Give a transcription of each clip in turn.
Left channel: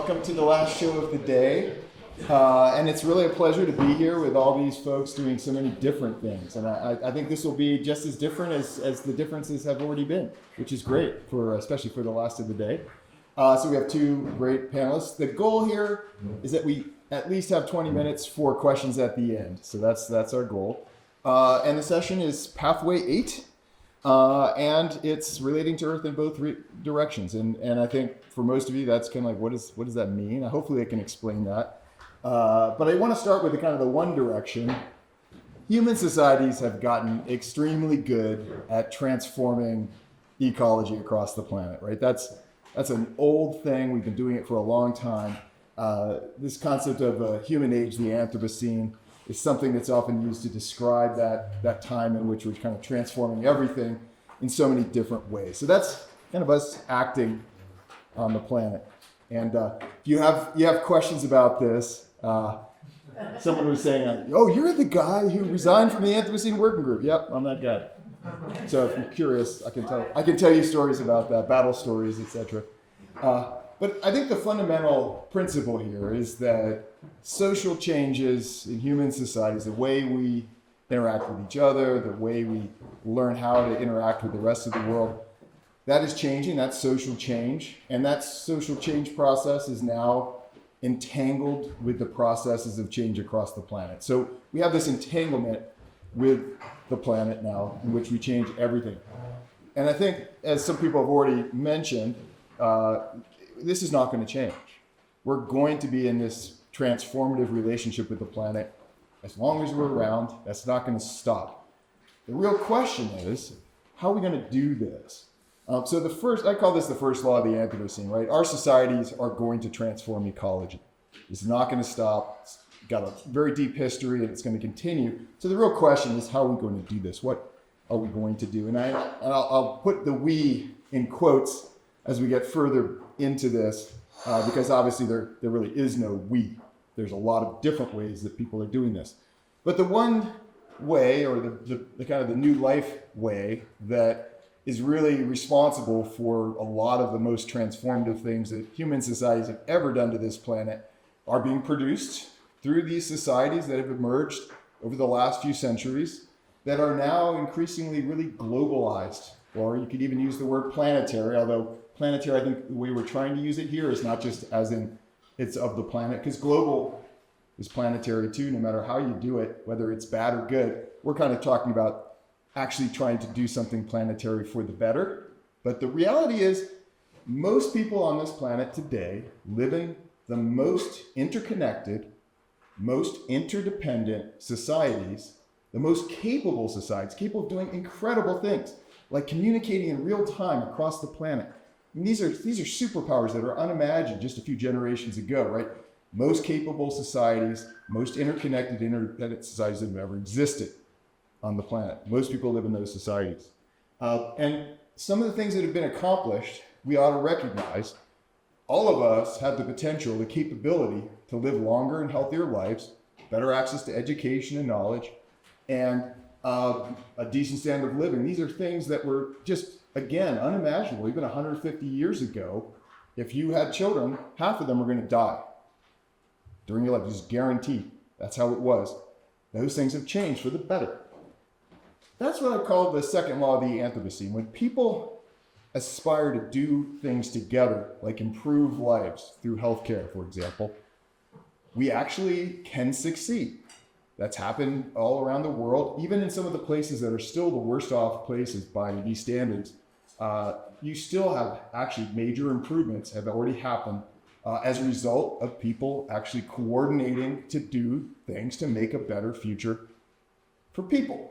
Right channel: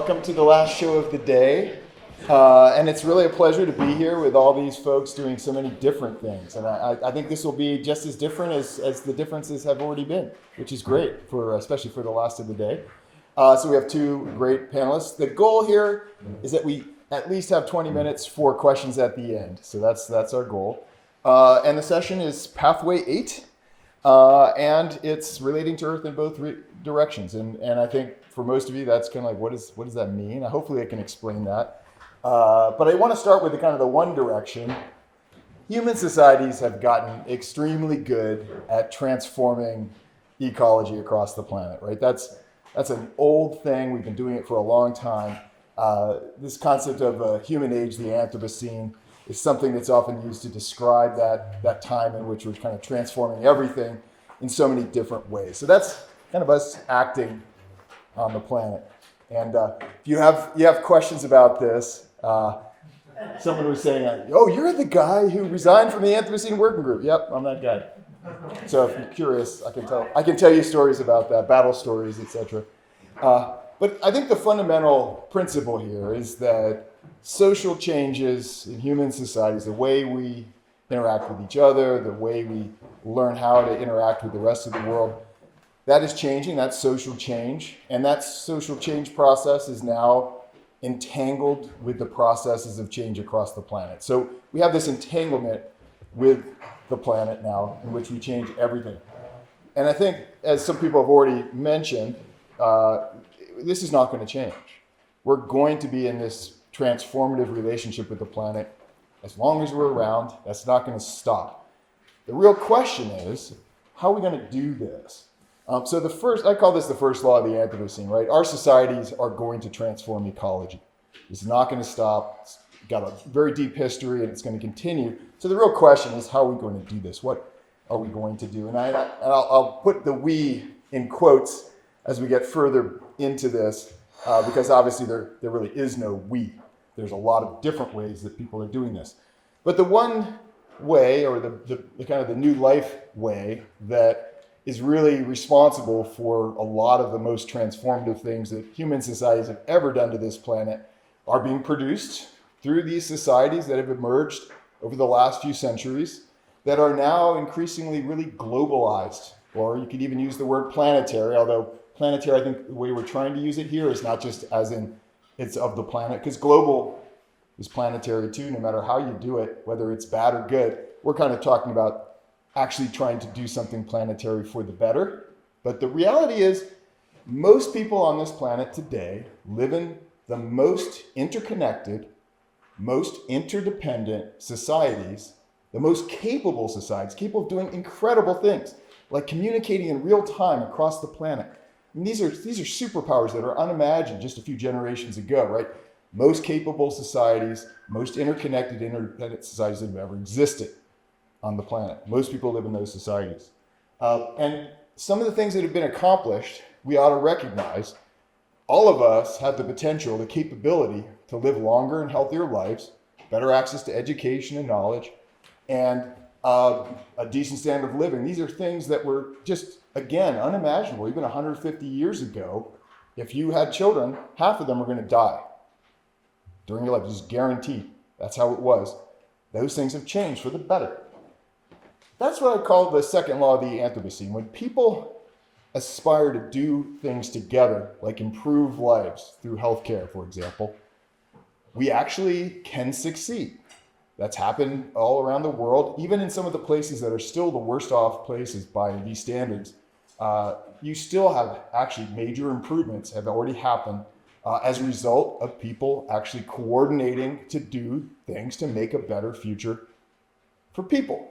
welcome to the last show of the day. And it's really a pleasure to be here with all these folks doing so many different things. And I think this will be just as different as the differences have already been, which is great, especially for the last of the day. So we have two great panelists. The goal here is that we at least have 20 minutes for questions at the end. So that's our goal. And the session is Pathway 8. And it's relating to Earth in both directions. And I think for most of you, that's kind of like, what does that mean? Hopefully I can explain that. But I want to start with the one direction. Human societies have gotten extremely good at transforming ecology across the planet, right? That's an old thing. We've been doing it for a long time. This concept of a human age, the Anthropocene, is something that's often used to describe that time in which we're kind of transforming everything in so many different ways. So that's kind of us acting on the planet. And if you have questions about this, someone was saying, "Oh, you're the guy who resigned from the Anthropocene Working Group." Yep, I'm that guy. So if you're curious, I can tell you stories about that, battle stories, etc. But I think the fundamental principle here is that social changes in human societies, the way we interact with each other, the way we learn how to interact with the rest of the world, that is changing. That's social change. And that social change process is now entangled with the processes of change across the planet. So we have this entanglement with the planet now in which we change everything. And I think, as some people have already mentioned, this is not going to change. We're going to be in this transformative relationship with the planet as long as we're around. That's not going to stop. The real question is, how are we going to do this? So I call this the first law of the Anthropocene, right? Our societies are going to transform ecology. It's not going to stop. It's got a very deep history, and it's going to continue. So the real question is, how are we going to do this? What are we going to do? And I'll put the "we" in quotes as we get further into this, because obviously there really is no "we." There's a lot of different ways that people are doing this. But the one way, or the kind of the new life way, that is really responsible for a lot of the most transformative things that human societies have ever done to this planet are being produced through these societies that have emerged over the last few centuries that are now increasingly really globalized. Or you could even use the word planetary, although planetary, I think the way we're trying to use it here is not just as in it's of the planet, because global is planetary too, no matter how you do it, whether it's bad or good. We're kind of talking about actually trying to do something planetary for the better. But the reality is, most people on this planet today live in the most interconnected, most interdependent societies, the most capable societies, capable of doing incredible things, like communicating in real time across the planet. And these are superpowers that are unimagined just a few generations ago, right? Most capable societies, most interconnected, interdependent societies that have ever existed on the planet. Most people live in those societies. And some of the things that have been accomplished, we ought to recognize. All of us have the potential, the capability to live longer and healthier lives, better access to education and knowledge, and a decent standard of living. These are things that were just, again, unimaginable. Even 150 years ago, if you had children, half of them were going to die during your life. It's guaranteed. That's how it was. Those things have changed for the better. That's what I call the second law of the Anthropocene. When people aspire to do things together, like improve lives through healthcare, for example, we actually can succeed. That's happened all around the world, even in some of the places that are still the worst off places by these standards. You still have actually major improvements have already happened as a result of people actually coordinating to do things to make a better future for people.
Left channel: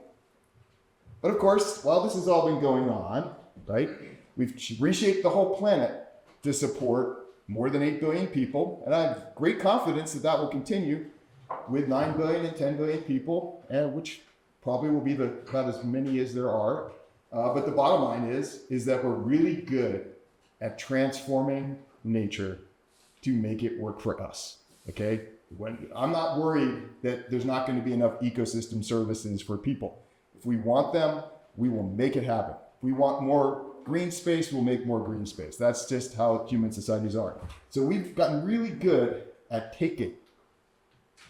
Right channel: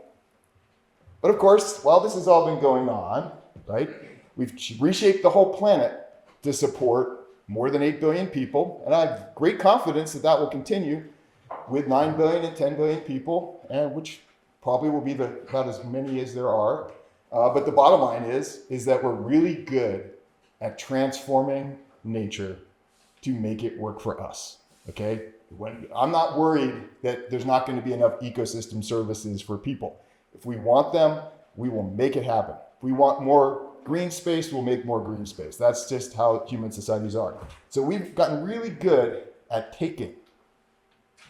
But of course, while this has all been going on, right, we've reshaped the whole planet to support more than 8 billion people. And I have great confidence that that will continue with 9 billion and 10 billion people, and which probably will be about as many as there are. But the bottom line is that we're really good at transforming nature to make it work for us, okay? I'm not worried that there's not going to be enough ecosystem services for people. If we want them, we will make it happen. If we want more green space will make more green space. That's just how human societies are. So we've gotten really good at taking.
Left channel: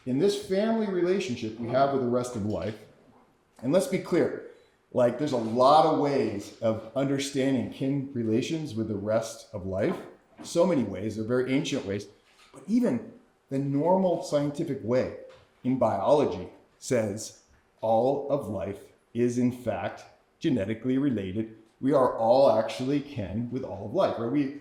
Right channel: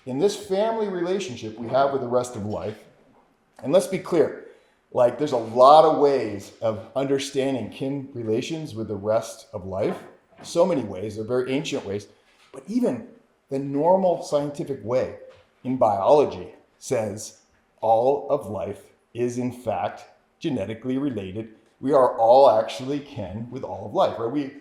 In this family relationship we have with the rest of life, and let's be clear, like there's a lot of ways of understanding kin relations with the rest of life. So many ways, they're very ancient ways, but even the normal scientific way in biology says all of life is in fact genetically related. We are all actually kin with all of life, right? We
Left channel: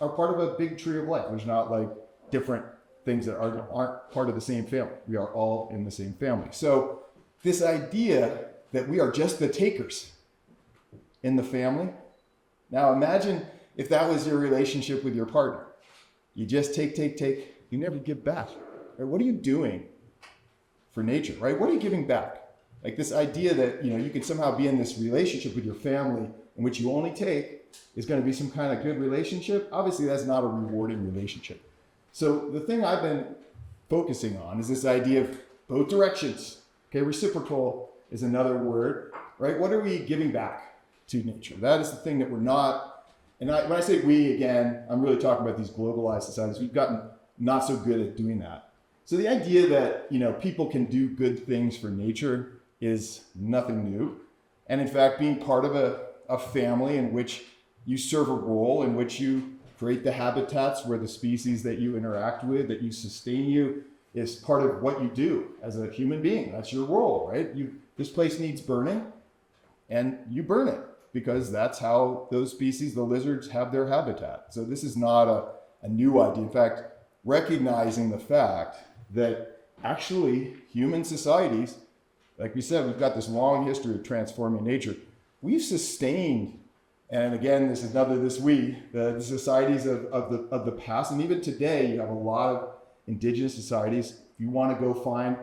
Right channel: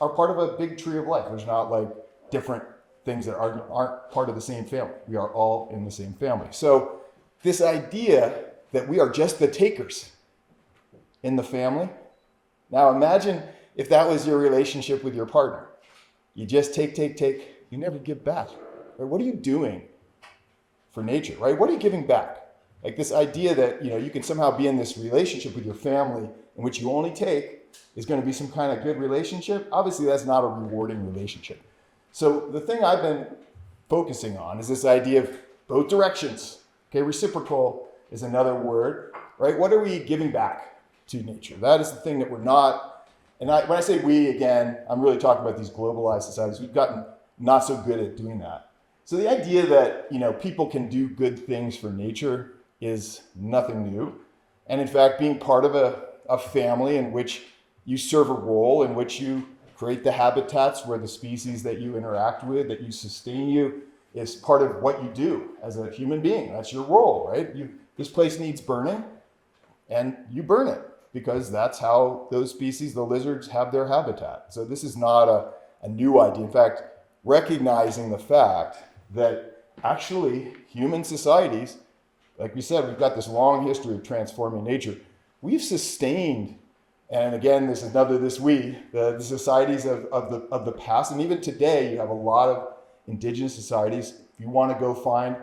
are part of a big tree of life. There's not like different things that aren't part of the same family. We are all in the same family. So this idea that we are just the takers in the family. Now imagine if that was your relationship with your partner. You just take, you never give back. Right? What are you doing for nature, right? What are you giving back? Like this idea that, you could somehow be in this relationship with your family in which you only take is going to be some kind of good relationship. Obviously, that's not a rewarding relationship. So the thing I've been focusing on is this idea of both directions. Okay, reciprocal is another word, right? What are we giving back to nature? That is the thing that we're not, when I say we, again, I'm really talking about these globalized societies. We've gotten not so good at doing that. So the idea that, people can do good things for nature is nothing new. And in fact, being part of a family in which you serve a role, in which you create the habitats where the species that you interact with, that you sustain you, is part of what you do as a human being. That's your role, right? This place needs burning, and you burn it because that's how those species, the lizards, have their habitat. So this is not a new idea. In fact, recognizing the fact that actually human societies, like we said, we've got this long history of transforming nature. We've sustained, and again, this is another the societies of the past, and even today, you have a lot of indigenous societies. If you want to go find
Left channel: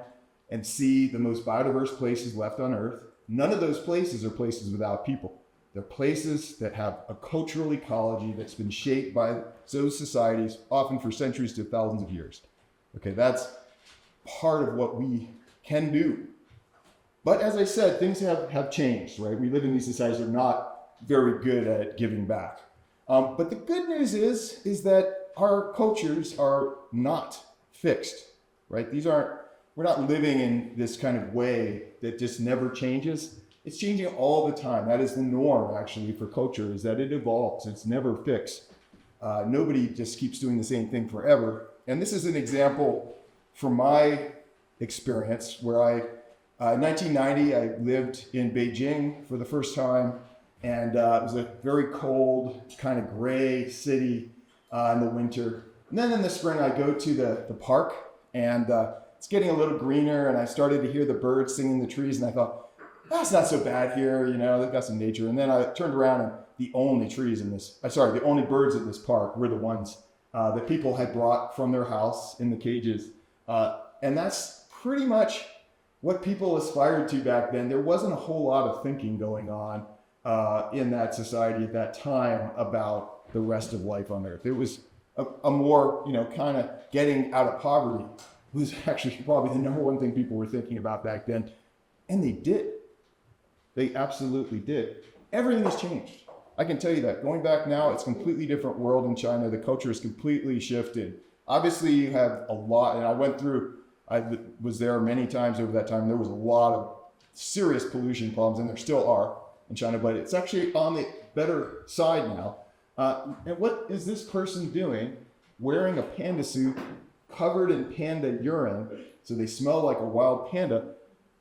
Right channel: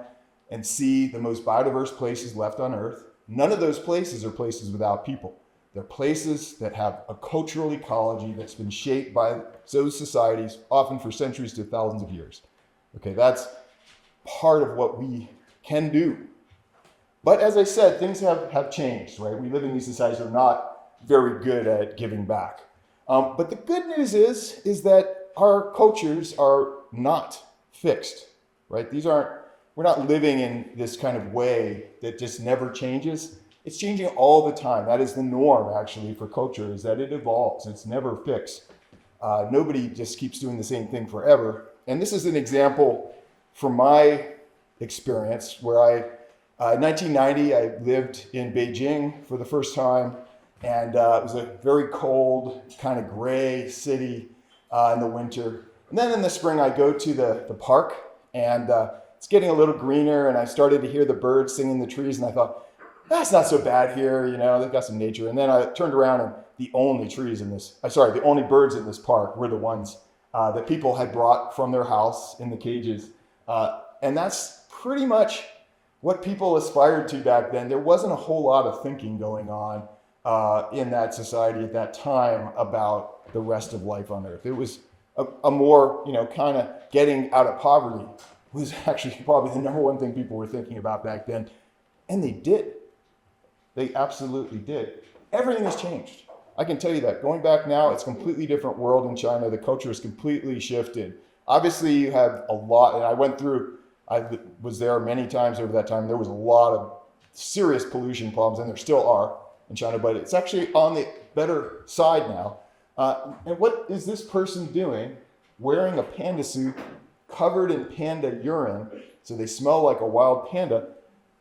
and see the most biodiverse places left on Earth, none of those places are places without people. They're places that have a cultural ecology that's been shaped by those societies, often for centuries to thousands of years. Okay, that's part of what we can do. But as I said, things have changed, right? We live in these societies that are not very good at giving back. But the good news is that our cultures are not fixed, right? We're not living in this kind of way that just never changes. It's changing all the time. That is the norm, actually, for culture, is that it evolves. It's never fixed. Nobody just keeps doing the same thing forever. And this is an example from my experience where in 1990, I lived in Beijing for the first time, and it was a very cold, kind of gray city in the winter. And then in the spring, I go to the park, and it's getting a little greener, and I started to hear the birds singing in the trees, and I thought, that's not so bad here, they've got some nature. And then I turned around, and the only birds in this park were the ones that people had brought from their house in the cages. And that's pretty much what people aspired to back then. There wasn't a whole lot of thinking going on in that society at that time about the rest of life on Earth. It was a more, kind of getting out of poverty was actually probably the number one thing people were thinking about back then. And they did. They absolutely did. Everything has changed. I can tell you that. Going back now, it's a completely different world in China. The culture is completely shifted. Obviously, you have a lot, and I was there many times over that time. There was a lot of serious pollution problems, and there still are in China, but it's actually on the better side now. And what is this person doing wearing a panda suit covered in panda urine, so they smell like a wild panda?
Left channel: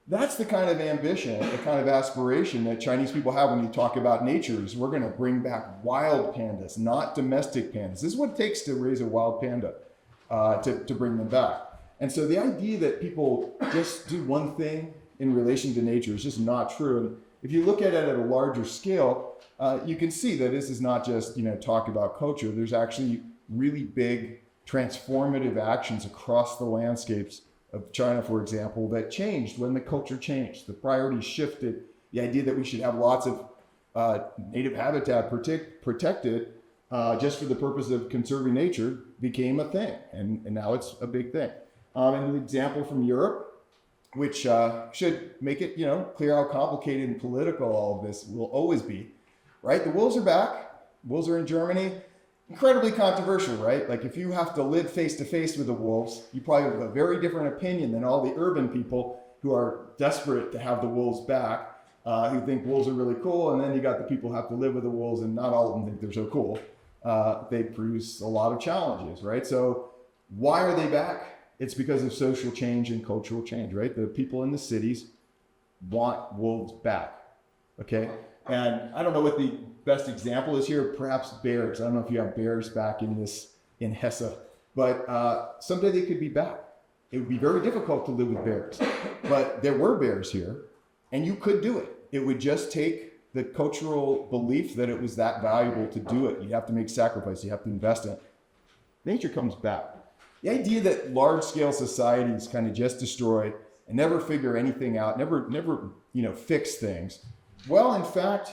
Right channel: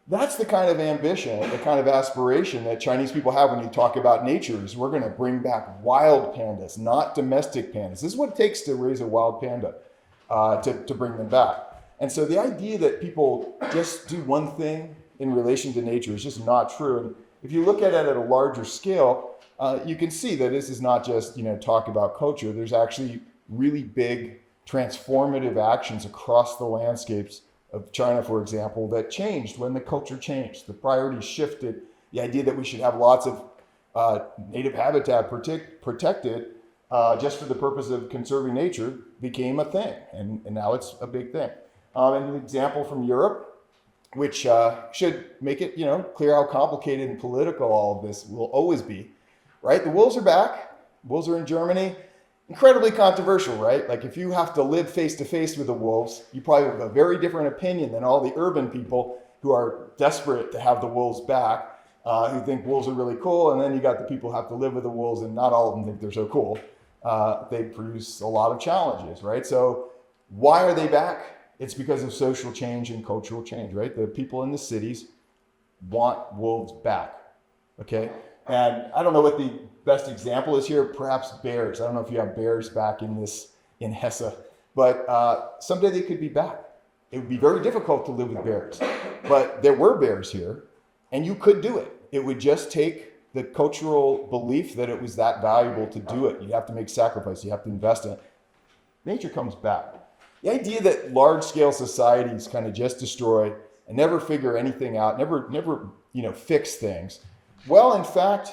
That's the kind of ambition, the kind of aspiration that Chinese people have when you talk about nature, is we're going to bring back wild pandas, not domestic pandas. This is what it takes to raise a wild panda, to bring them back. And so the idea that people just do one thing in relation to nature is just not true. And if you look at it at a larger scale, you can see that this is not just, talk about culture. There's actually really big transformative actions across the landscapes of China, for example, that changed when the culture changed. The priorities shifted. The idea that we should have lots of native habitat protected just for the purpose of conserving nature became a thing. And now it's a big thing. And an example from Europe, which should make it, clear how complicated and political all of this will always be. right? The wolves are back. Wolves are in Germany. Incredibly controversial, right? Like if you have to live face to face with the wolves, you probably have a very different opinion than all the urban people who are desperate to have the wolves back, who think wolves are really cool. And then you got the people who have to live with the wolves and not all of them think they're so cool. They produce a lot of challenges, right? So why are they back? It's because of social change and cultural change, right? The people in the cities want wolves back, okay? And I don't know what the best example is here, perhaps bears. I don't know if you have bears back in Hesse, but someday they could be back. It would be very difficult to live with bears, but there were bears here and you could do it. It would just take the cultural belief that it was that valuable to do it. You have to make sacrifice, you have to invest in it. Nature comes back. The idea that large scale societies kind of just destroy and never figure anything out, never fix things. Well, in fact,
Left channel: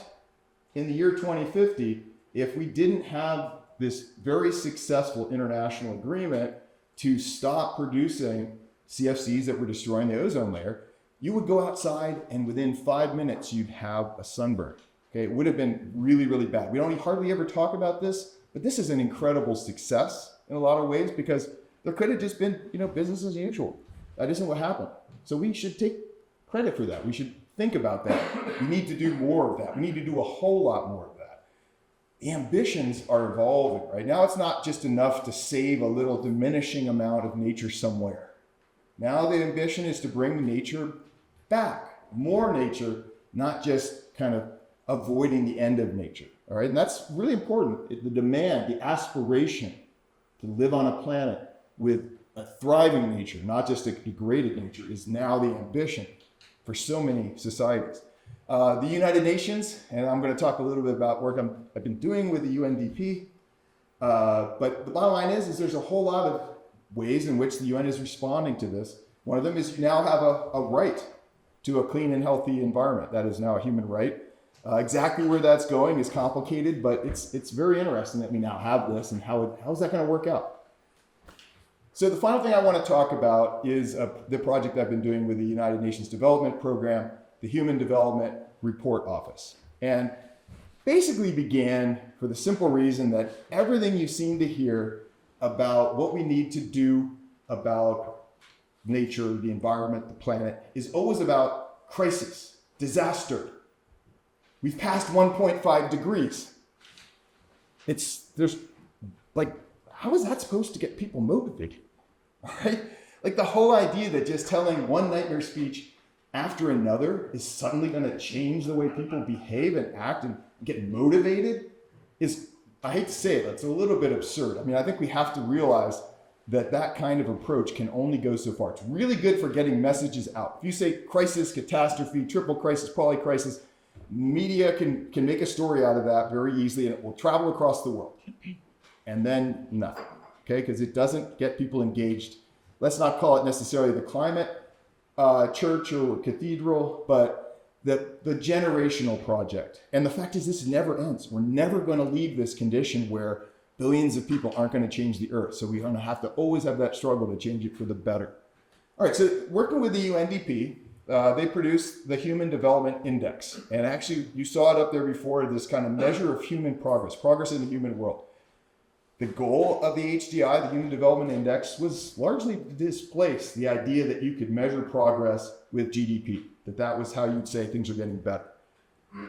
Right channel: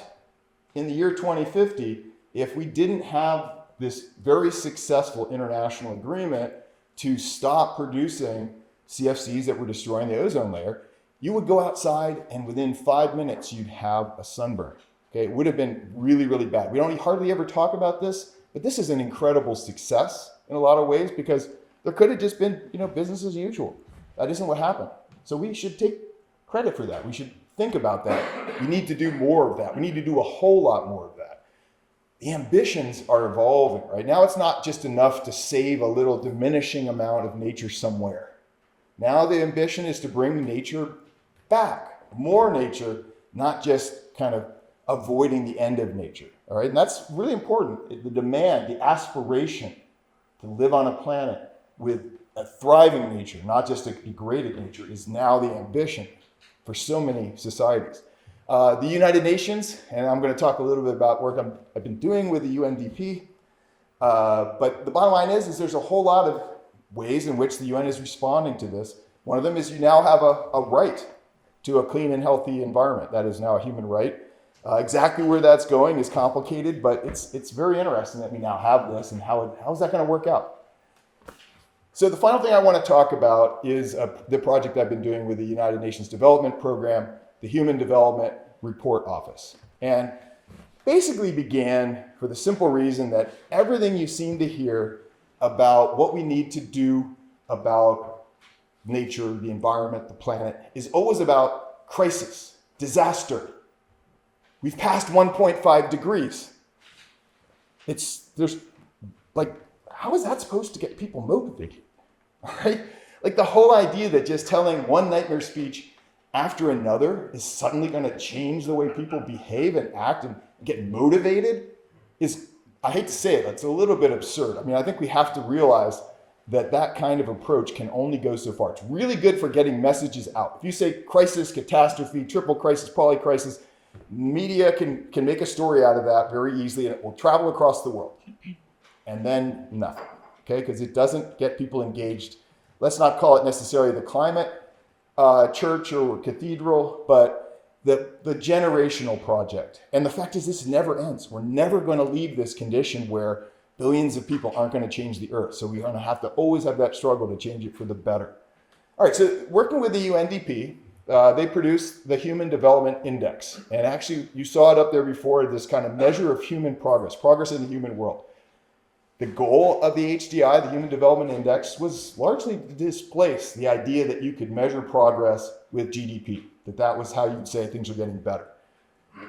in the year 2050, if we didn't have this very successful international agreement to stop producing CFCs that were destroying the ozone layer, you would go outside and within 5 minutes, you'd have a sunburn. Okay, it would have been really, really bad. We don't hardly ever talk about this, but this is an incredible success in a lot of ways because there could have just been, business as usual. That isn't what happened. So we should take credit for that. We should think about that. We need to do more of that. We need to do a whole lot more of that. The ambitions are evolving, right? Now it's not just enough to save a little diminishing amount of nature somewhere. Now the ambition is to bring nature back, more nature, not just kind of avoiding the end of nature, all right? And that's really important. The demand, the aspiration to live on a planet with a thriving nature, not just a degraded nature, is now the ambition for so many societies. The United Nations, and I'm going to talk a little bit about work I've been doing with the UNDP, but the bottom line is there's a whole lot of ways in which the UN is responding to this. One of them is you now have a right to a clean and healthy environment. That is now a human right. Exactly where that's going is complicated, but it's very interesting that we now have this, and how's that going to work out? So the final thing I want to talk about is the project I've been doing with the United Nations Development Program, the Human Development Report Office. And basically began for the simple reason that everything you seem to hear about what we need to do about nature, the environment, the planet, is always about crisis, disaster. We've passed 1.5 degrees. How is that supposed to get people motivated? Right? Like the whole idea that just telling one nightmare speech after another is suddenly going to change the way people behave and act and get motivated is, I hate to say it, it's a little bit absurd. I mean, I think we have to realize that kind of approach can only go so far. It's really good for getting messages out. If you say crisis, catastrophe, triple crisis, polycrisis, media can make a story out of that very easily and it will travel across the world. And then nothing, okay? Because it doesn't get people engaged. Let's not call it necessarily the climate church or cathedral, but the generational project. And the fact is this never ends. We're never going to leave this condition where billions of people aren't going to change the earth. So we're going to have to always have that struggle to change it for the better. All right, so working with the UNDP, they produced the Human Development Index. And actually, you saw it up there before, this kind of measure of human progress in the human world. The goal of the HDI, the Human Development Index, was largely to displace the idea that you could measure progress with GDP, that was how you'd say things are getting better.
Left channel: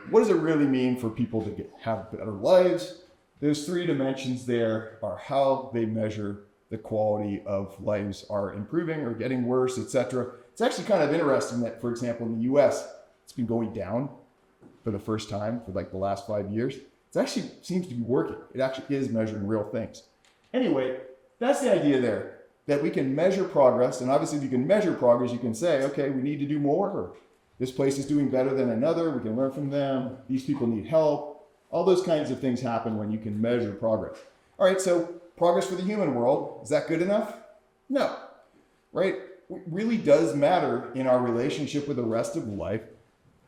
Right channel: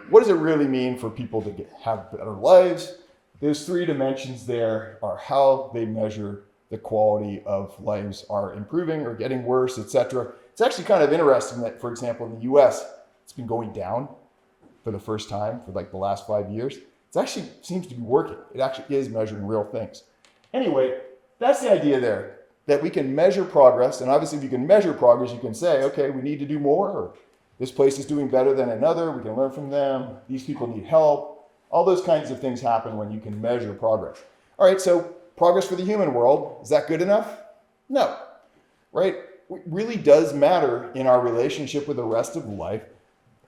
What does it really mean for people to have better lives? Those three dimensions there are how they measure the quality of lives are improving or getting worse, etc. It's actually kind of interesting that, for example, in the US, it's been going down for the first time for like the last 5 years. It actually seems to be working. It actually is measuring real things. Anyway, that's the idea there, that we can measure progress. And obviously, if you can measure progress, you can say, okay, we need to do more, or this place is doing better than another. We can learn from them. These people need help. All those kinds of things happen when you can measure progress. All right, so progress for the human world, is that good enough? No, right? It really does matter in our relationship with the rest of life.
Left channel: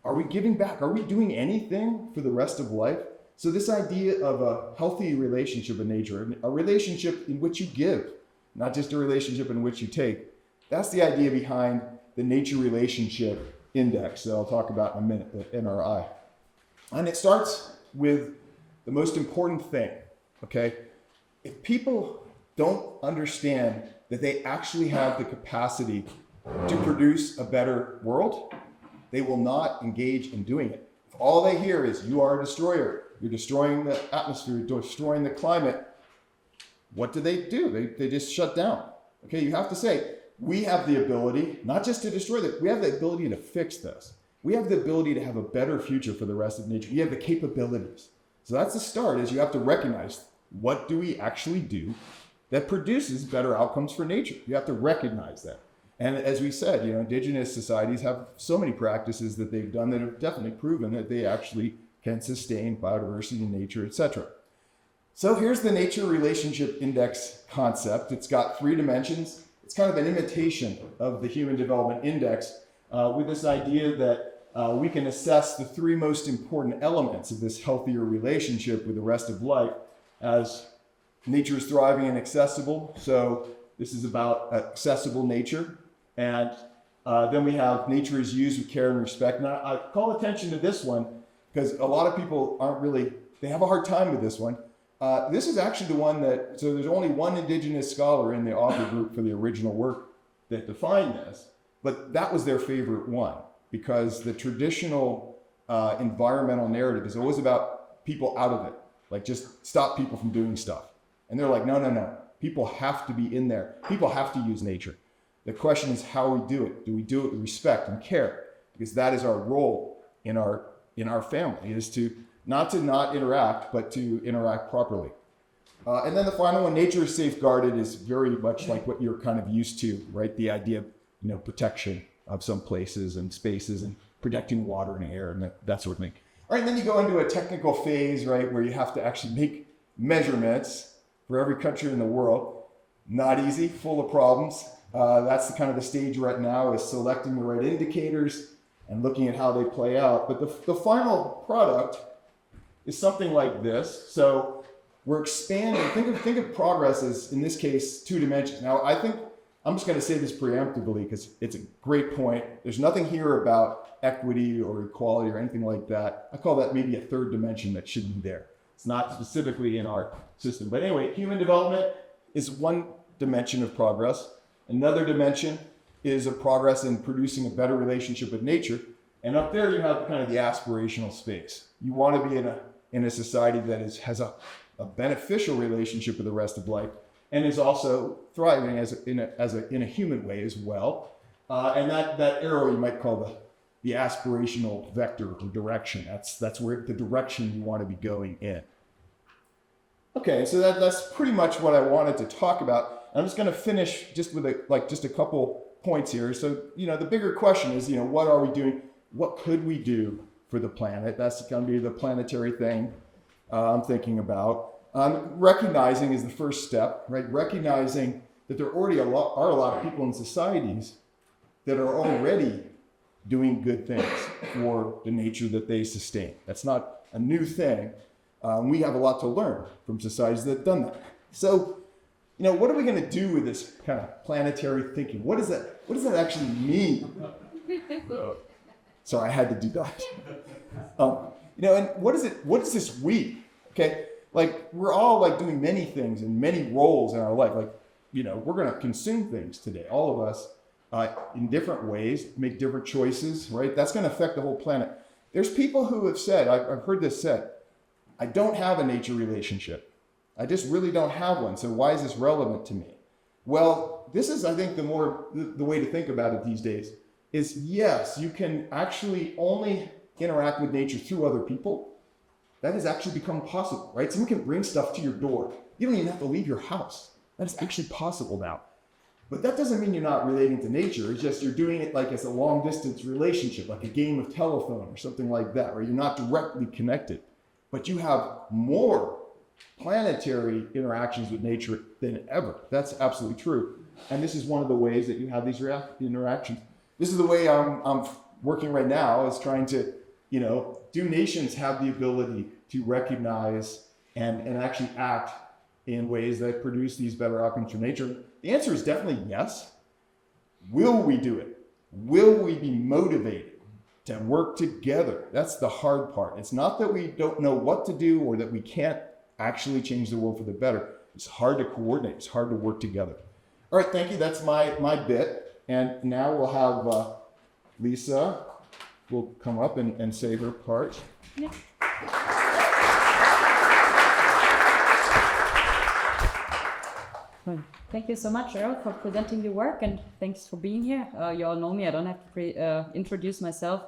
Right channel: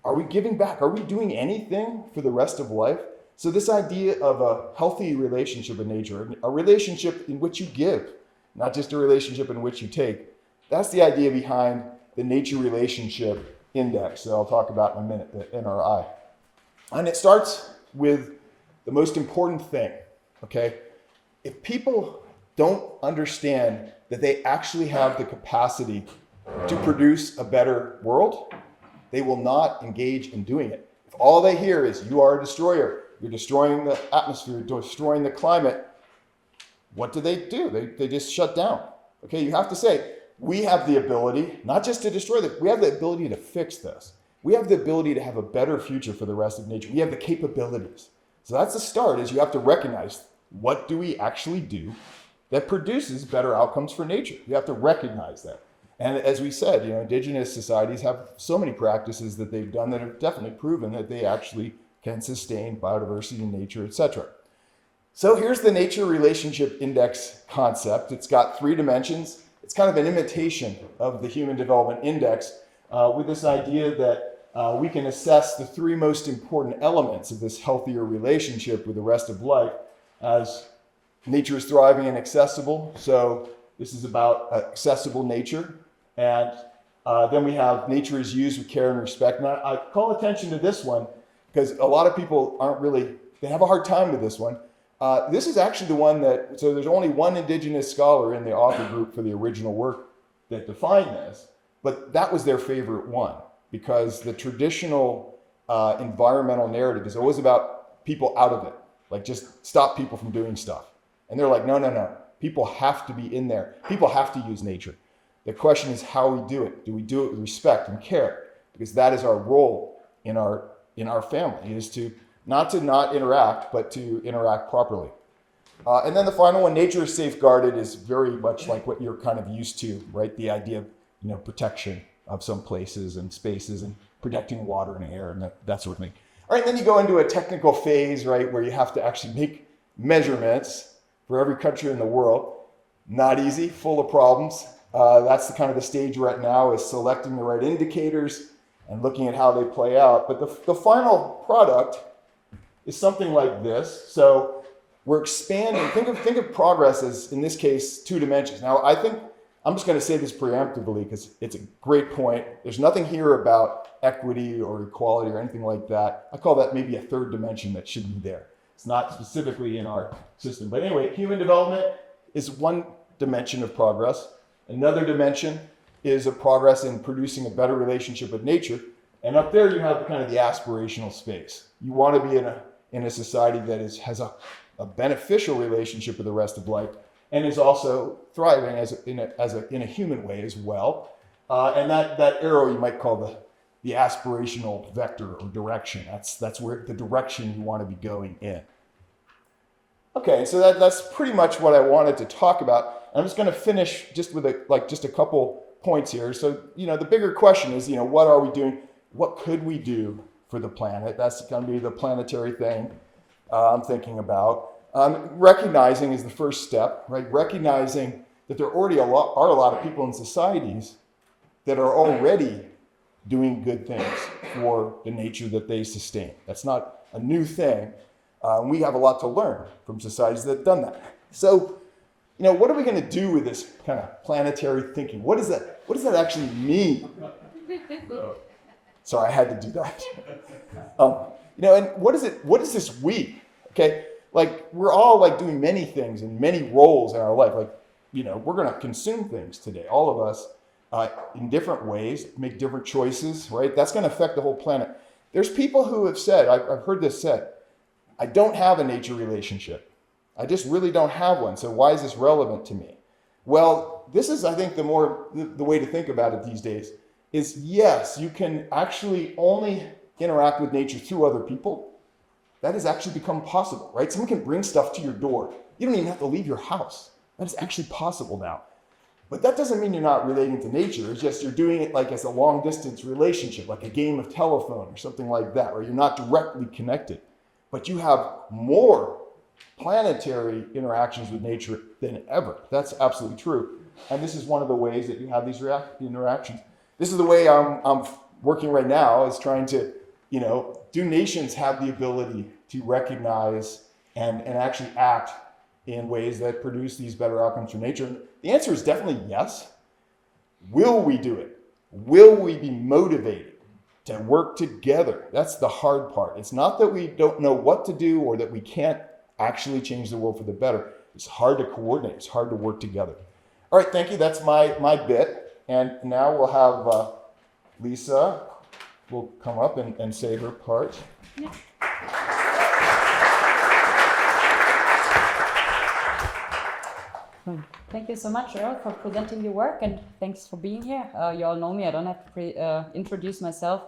Are we giving back? Are we doing anything for the rest of life? So this idea of a healthy relationship with nature, a relationship in which you give, not just a relationship in which you take, that's the idea behind the Nature Relationship Index that I'll talk about in a minute, the NRI. And it starts with the most important thing, okay? If people don't understand that they actually have the capacity to produce a better world, they will not engage in doing it. If all they hear is, you are a destroyer, you're destroying the atmosphere, you're destroying the climate, what do? They just shut down. Okay, you have to say, we have the ability, not just to destroy this, we have the ability to fix this. We have the ability to have a better future for the rest of nature. We have the capabilities. So that's the start, is you have to recognize, what do we actually do that produces better outcomes for nature? You have to recognize that. And as we said, indigenous societies have so many practices that they've done that have definitely proven that they actually can sustain biodiversity in nature, etc. So here's the nature relationship index concept. It's got 3 dimensions. It's kind of an imitation of the Human Development Index with this idea that we can assess the 3 most important elements of this healthier relationship with the rest of life as nature is thriving and accessible. So this is about accessible nature. And then we have nature is used with care and respect. And I call attention to this one because a lot of people they have a hard time with this one. This is actually the one so there's only one indigenous scholar in the author group for the original work that defined this, but that was their favorite one because the traditional environmental narrative is always about people out of it, like just stop people from doing stuff. And they're like, no. People have to be in there. People have to use nature. The question is how we do it. Do we do it with respect and care? Because that is our role in our family, is to not interact, but to interact properly. And then the final one, nature is safeguarded, is very much like what you're kind of used to, right? The idea of protection of some places and spaces and protecting water and air and that sort of thing. All right, and then you go into a technical phase, right, where you have to actually make measurements for every country in the world. Not easy, full of problems. That's the stage right now, is selecting the right indicators and looking at how they play out. But the final product is something like this. So we're expanding. Think of progress as, in this case, 2 dimensions. Now, I think I'm just going to say this preemptively because it's a great point. There's nothing here about equity or equality or anything like that. I call that maybe a 3rd dimension that should be there. It's not specifically in our system. But anyway, human development is one dimension of progress. Another dimension is a progress in producing a better relationship with nature. And up there you have kind of the aspirational space. You want to be in a society that has a beneficial relationship with the rest of life and is also thriving in a human way as well. And that arrow you might call the aspirational vector or direction. That's where the direction you want to be going in. Okay, so that's pretty much what I wanted to talk about. I'm just going to finish just with a couple points here. So, the bigger question is, what are we doing? What could we do for the planet? That's going to be the planetary thing I'm thinking about. Recognizing is the first step, right? Recognizing that there already are a lot of people in societies that are already doing good things for the nature that they sustain. That's not a new thing. We have a lot to learn from societies that have done that. So, what are we going to do with this kind of planetary thinking? What does that actually mean? So I had to do that. And what is this we? Okay, we're all doing many things and many roles in our life. We're going to consume things today. All of us, in different ways, make different choices. Right? That's going to affect the whole planet. There's people who have said, I've heard this said, I don't have a nature relationship. I just really don't have one. So why is this relevant to me? Well, this is, I think, the way to think about it these days is, yes, you can actually only interact with nature through other people. That has actually become possible, right? Someone can bring stuff to your door. You don't even have to leave your house. That is actually possible now. But that doesn't mean you're not relating to nature. It's just you're doing it as a long distance relationship, like a game of telephone or something like that, where you're not directly connected. But you have more planetary interactions with nature than ever. That's absolutely true. And this is one of the ways that you have these interactions. This is the way I'm working right now, is trying to, do nations have the ability to recognize and actually act in ways that produce these better outcomes for nature? The answer is definitely yes. Will we do it? Will we be motivated to work together. That's the hard part. It's not that we don't know what to do or that we can't actually change the world for the better. It's hard to coordinate. It's hard to work together. All right, thank you. That's my bit. And now we'll have Liza will come up and say her part. Yeah. Thank you so much, Erle, for presenting your work, and thanks for being here. You all know me. I don't have to introduce myself.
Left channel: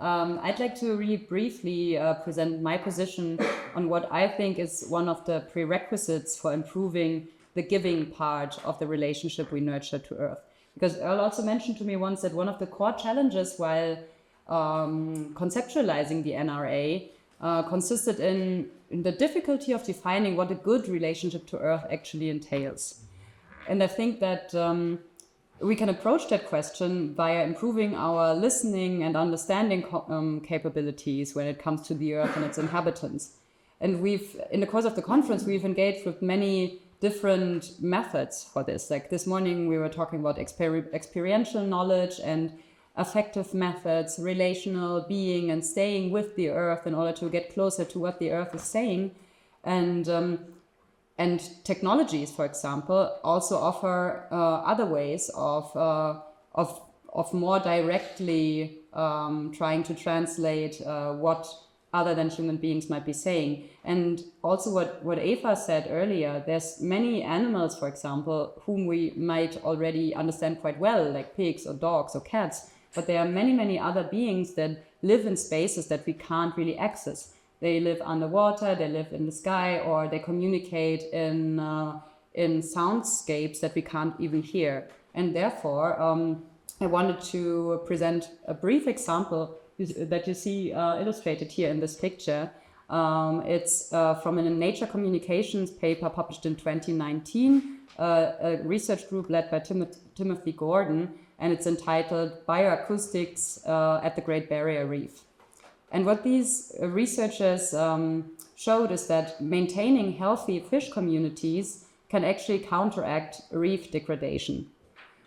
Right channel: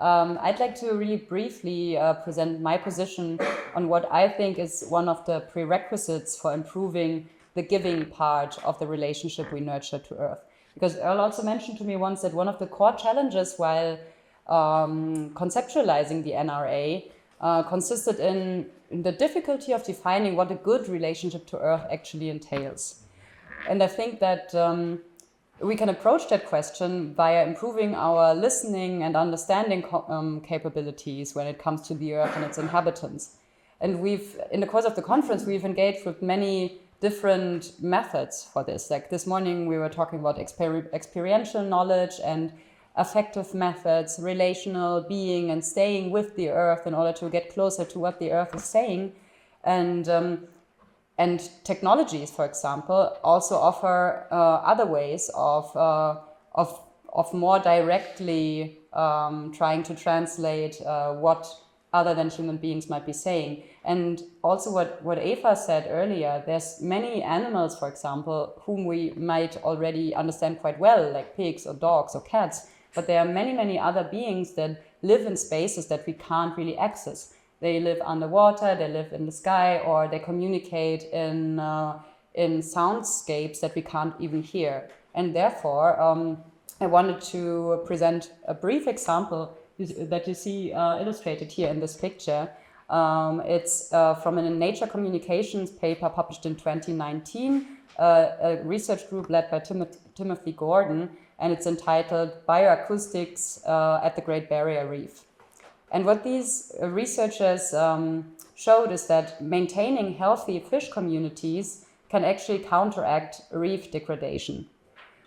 I'd like to really briefly present my position on what I think is one of the prerequisites for improving the giving part of the relationship we nurture to Earth. Because Erle also mentioned to me once that one of the core challenges while conceptualizing the NRA consisted in the difficulty of defining what a good relationship to Earth actually entails. And I think that we can approach that question via improving our listening and understanding capabilities when it comes to the Earth and its inhabitants. And in the course of the conference, we've engaged with many different methods for this. Like this morning, we were talking about experiential knowledge and affective methods, relational being and staying with the Earth in order to get closer to what the Earth is saying. And technologies, for example, also offer other ways of more directly trying to translate what other than human beings might be saying. And also what Eva said earlier, there's many animals, for example, whom we might already understand quite well, like pigs or dogs or cats, but there are many, many other beings that live in spaces that we can't really access. They live underwater, they live in the sky, or they communicate in soundscapes that we can't even hear. And therefore, I wanted to present a brief example that you see illustrated here in this picture. It's from a Nature Communications paper published in 2019, a research group led by Timothy Gordon, and it's entitled Bioacoustics at the Great Barrier Reef. And what these researchers showed is that maintaining healthy fish communities can actually counteract reef degradation.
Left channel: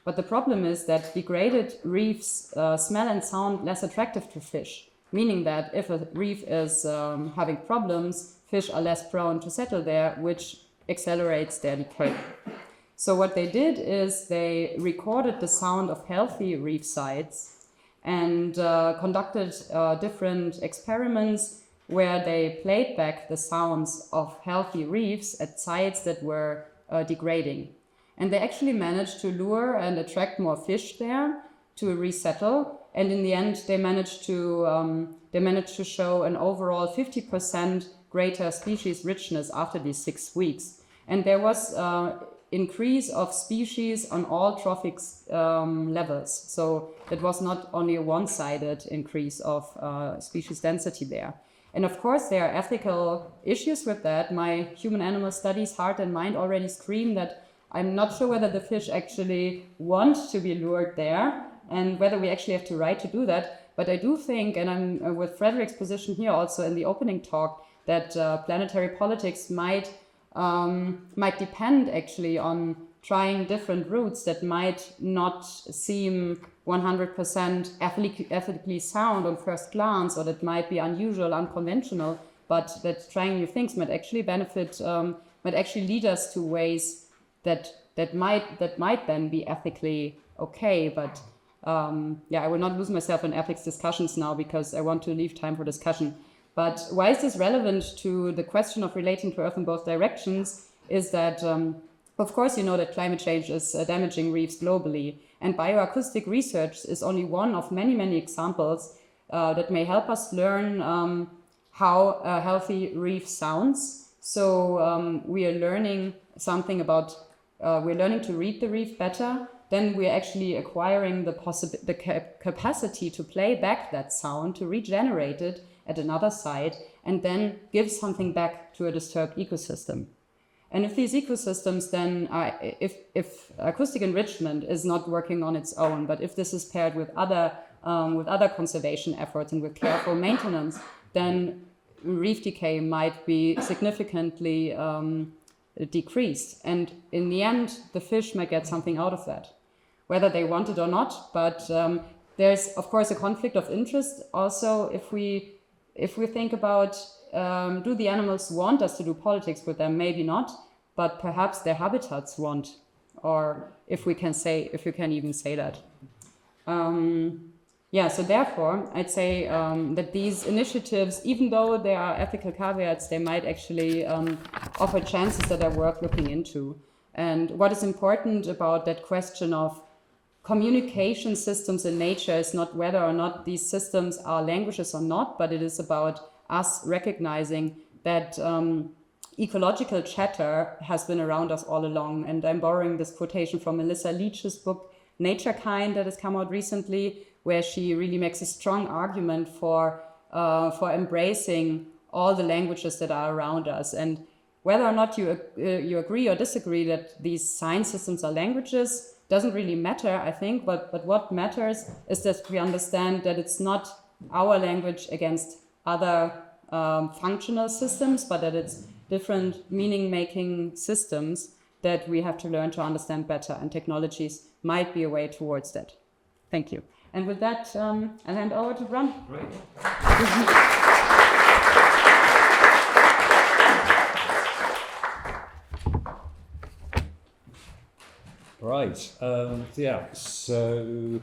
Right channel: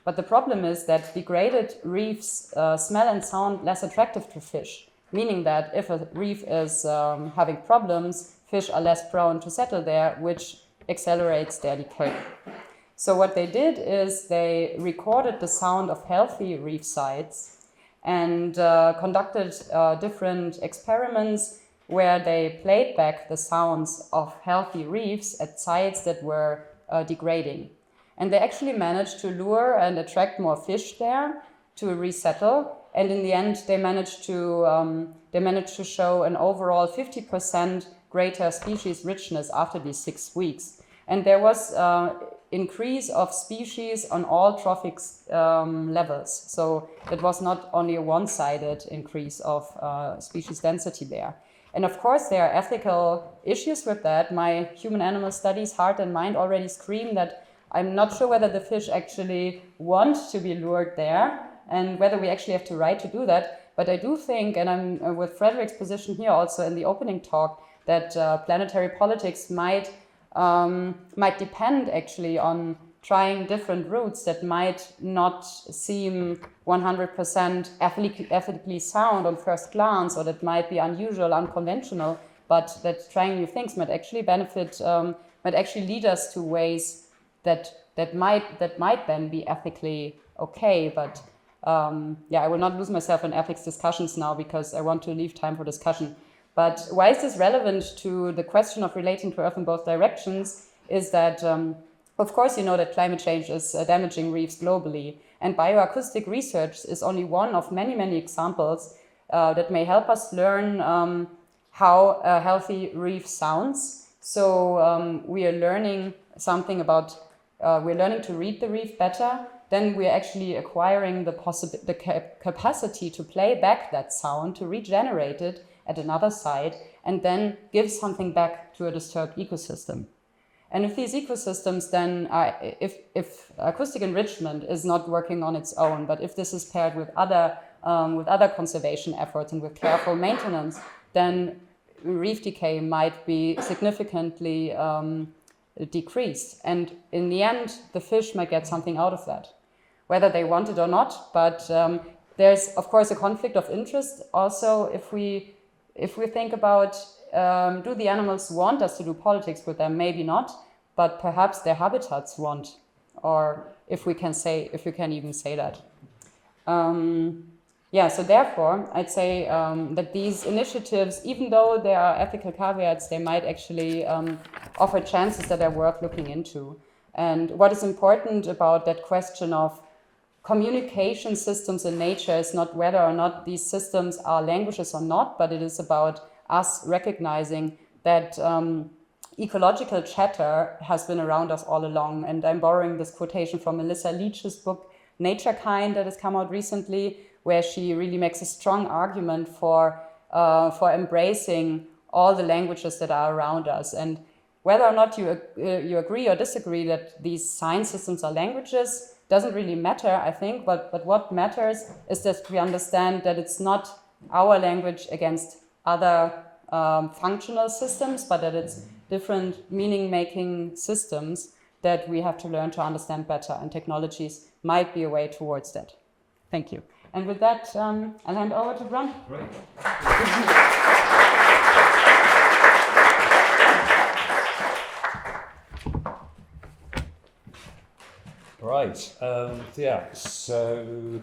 But the problem is that degraded reefs smell and sound less attractive to fish, meaning that if a reef is having problems, fish are less prone to settle there, which accelerates their decay. So what they did is they recorded the sound of healthy reef sites and conducted different experiments where they played back the sounds of healthy reefs at sites that were degrading. And they actually managed to lure and attract more fish there to resettle. And in the end, they managed to show an overall 50% greater species richness after these 6 weeks. And there was increase of species on all trophic levels. So it was not only a one-sided increase of species density there. And of course, there are ethical issues with that. My human-animal studies heart and mind already scream that I'm not sure whether the fish actually want to be lured there and whether we actually have to right to do that. But I do think, and I'm with Frederick's position here also in the opening talk, that planetary politics might depend actually on trying different routes that might not seem 100% ethically sound on first glance, or that might be unusual, unconventional, but that trying new things might actually benefit, might actually lead us to ways that might then be ethically okay. But I will not lose myself in ethics discussions now because I want to leave time for discussion. But why is this relevant to the question of relating to Earth in both directions is that, of course, you know that climate change is damaging reefs globally. And bioacoustic research is only one of many, many examples that may help us learn how a healthy reef sounds. So we are learning something about, we're learning to read the reef better. Then we're actually acquiring the capacity to play back that sound, to regenerate it at another site, and then give something back to a disturbed ecosystem. And if these ecosystems then, if acoustic enrichment is not working on its own, but if this is paired with other conservation efforts and with careful maintenance, then reef decay might be significantly decreased. And in the end, the fish might get something out of that, whether they want it or not. But there's of course a conflict of interest also if we think about do the animals want us to do politics with them? Maybe not, but perhaps their habitats want, or if we can even say that. Yeah, so therefore, I'd say that these initiatives, even though there are ethical caveats, they might actually offer chances that are worth looking into. And what is important about that question of communication systems in nature is not whether or not these systems are languages or not, but it is about us recognizing that ecological chatter has been around us all along. And I'm borrowing this quotation from Melissa Leach's book, Nature Kind, that has come out recently, where she really makes a strong argument for embracing all the languages that are around us. And whether or not you agree or disagree that these sign systems are languages doesn't really matter, I think. But what matters is that we understand that it's not our language against other functional systems, but that it's different meaning-making systems that we have to learn to understand better. And technologies might be a way towards that. Thank you. And with that, I'll hand over to Bron. Great. Right. Yeah. So,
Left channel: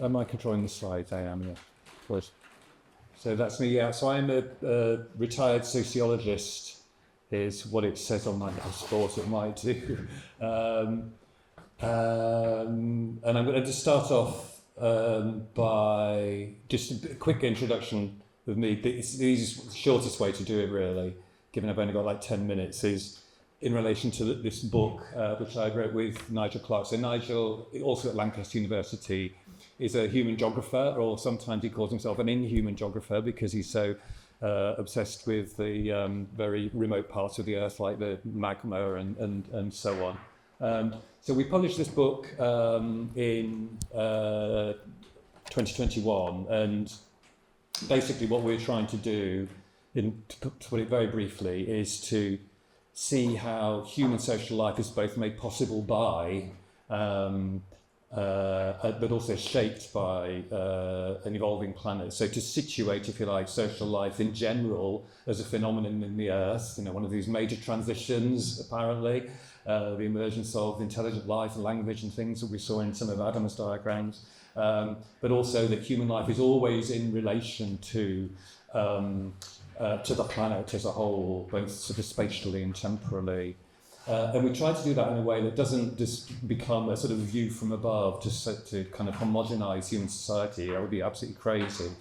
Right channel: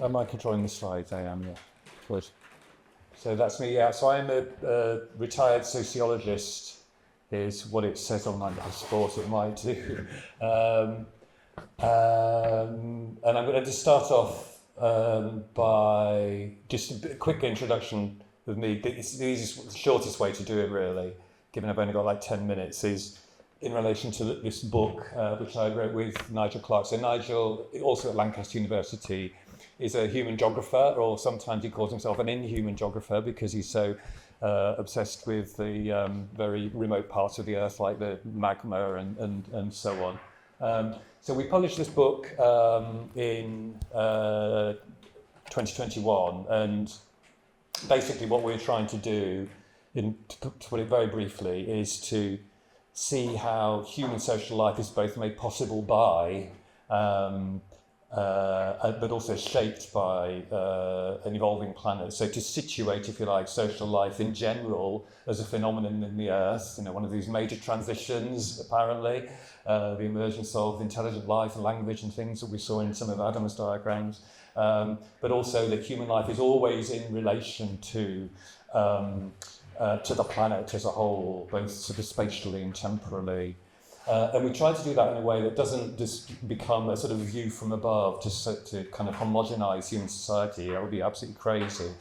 am I controlling the slides? I am. Yeah. Good. So that's me. Yeah. So I'm a retired sociologist. Is what it says on my passport. It might do. And I'm going to just start off by just a quick introduction of me. It's the easiest, shortest way to do it, really, given I've only got like 10 minutes, is in relation to this book, which I wrote with Nigel Clark. So Nigel, also at Lancaster University, is a human geographer, or sometimes he calls himself an inhuman geographer because he's so obsessed with the very remote parts of the Earth, like the magma and so on. So we published this book in 2021, and basically what we're trying to do, to put it very briefly, is to see how human social life is both made possible by, but also shaped by an evolving planet. So to situate, if you like, social life in general as a phenomenon in the Earth, one of these major transitions, apparently, the emergence of intelligent life and language and things that we saw in some of Adam's diagrams, but also that human life is always in relation to the planet as a whole, both sort of spatially and temporally. And we try to do that in a way that doesn't just become a sort of view from above to kind of homogenize human society. That would be absolutely crazy.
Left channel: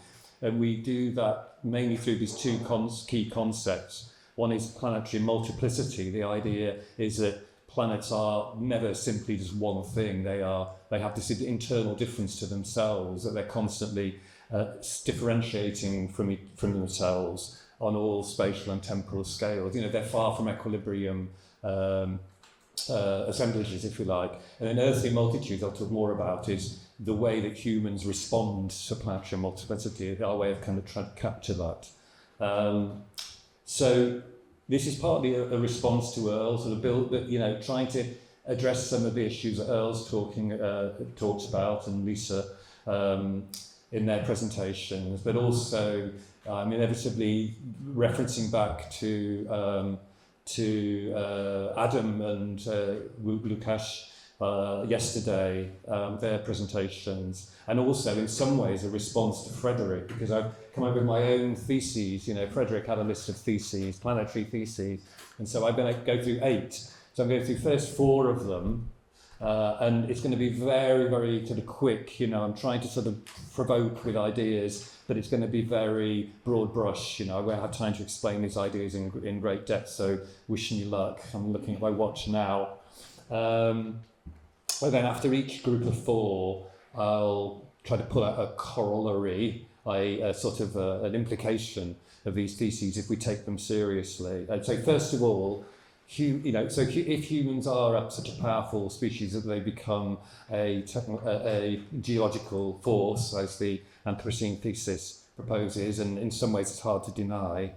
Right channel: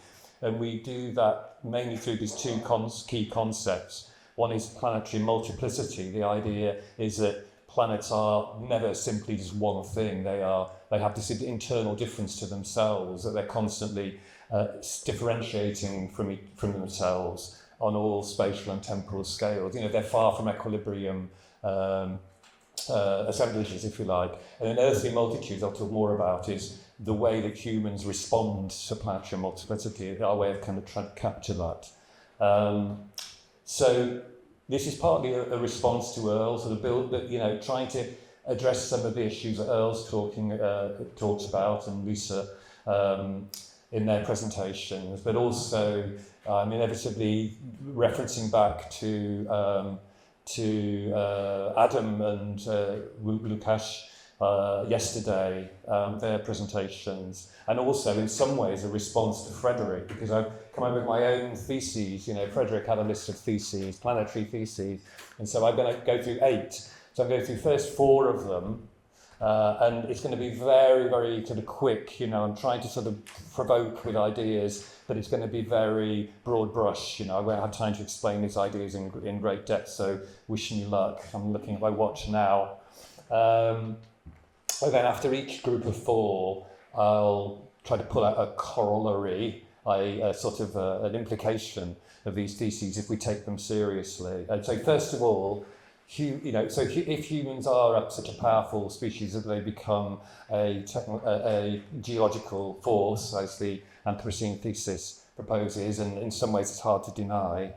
And we do that mainly through these two key concepts. One is planetary multiplicity. The idea is that planets are never simply just one thing. They have this internal difference to themselves, that they're constantly differentiating from themselves on all spatial and temporal scales. They're far from equilibrium assemblages, if you like. And an earthly multitude I'll talk more about is the way that humans respond to planetary multiplicity, our way of kind of trying to capture that. So this is partly a response to Erle, sort of trying to address some of the issues that Erle's talks about, and Liza in their presentations, but also inevitably referencing back to Adam and Lukasz yesterday, their presentations, and also in some ways a response to Frederick, because I've come up with my own theses. Frederick had a list of theses, planetary theses, and so I'm going to go through 8. So I'm going through first 4 of them, and it's going to be very, very kind of quick. I'm trying to sort of provoke with ideas, but it's going to be very broad brush. I won't have time to explain these ideas in great depth, so wishing you luck. I'm looking at my watch now. And then after each group of 4, I'll try to pull out a corollary, a sort of an implication of these theses if we take them seriously. So first of all, if humans are such a powerful species that they become a geological force, as the Anthropocene thesis proposes, and in some ways it's hard to deny,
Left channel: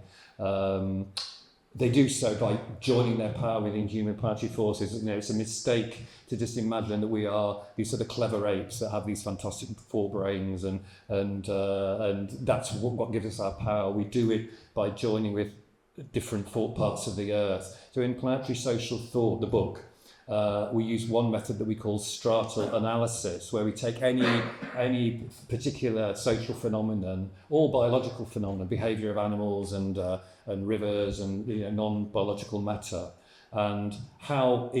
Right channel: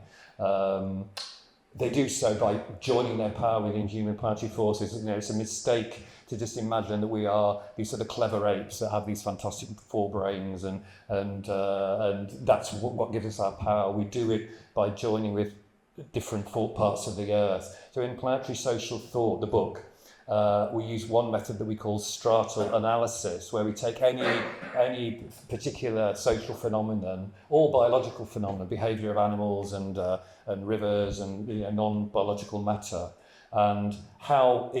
they do so by joining their power with inhuman planetary forces. You know, it's a mistake to just imagine that we are these sort of clever apes that have these fantastic forebrains, and that's what gives us our power. We do it by joining with different thought parts of the earth. So in Planetary Social Thought, the book, we use one method that we call stratal analysis, where we take any particular social phenomenon or biological phenomenon, behaviour of animals and rivers and non-biological matter, and how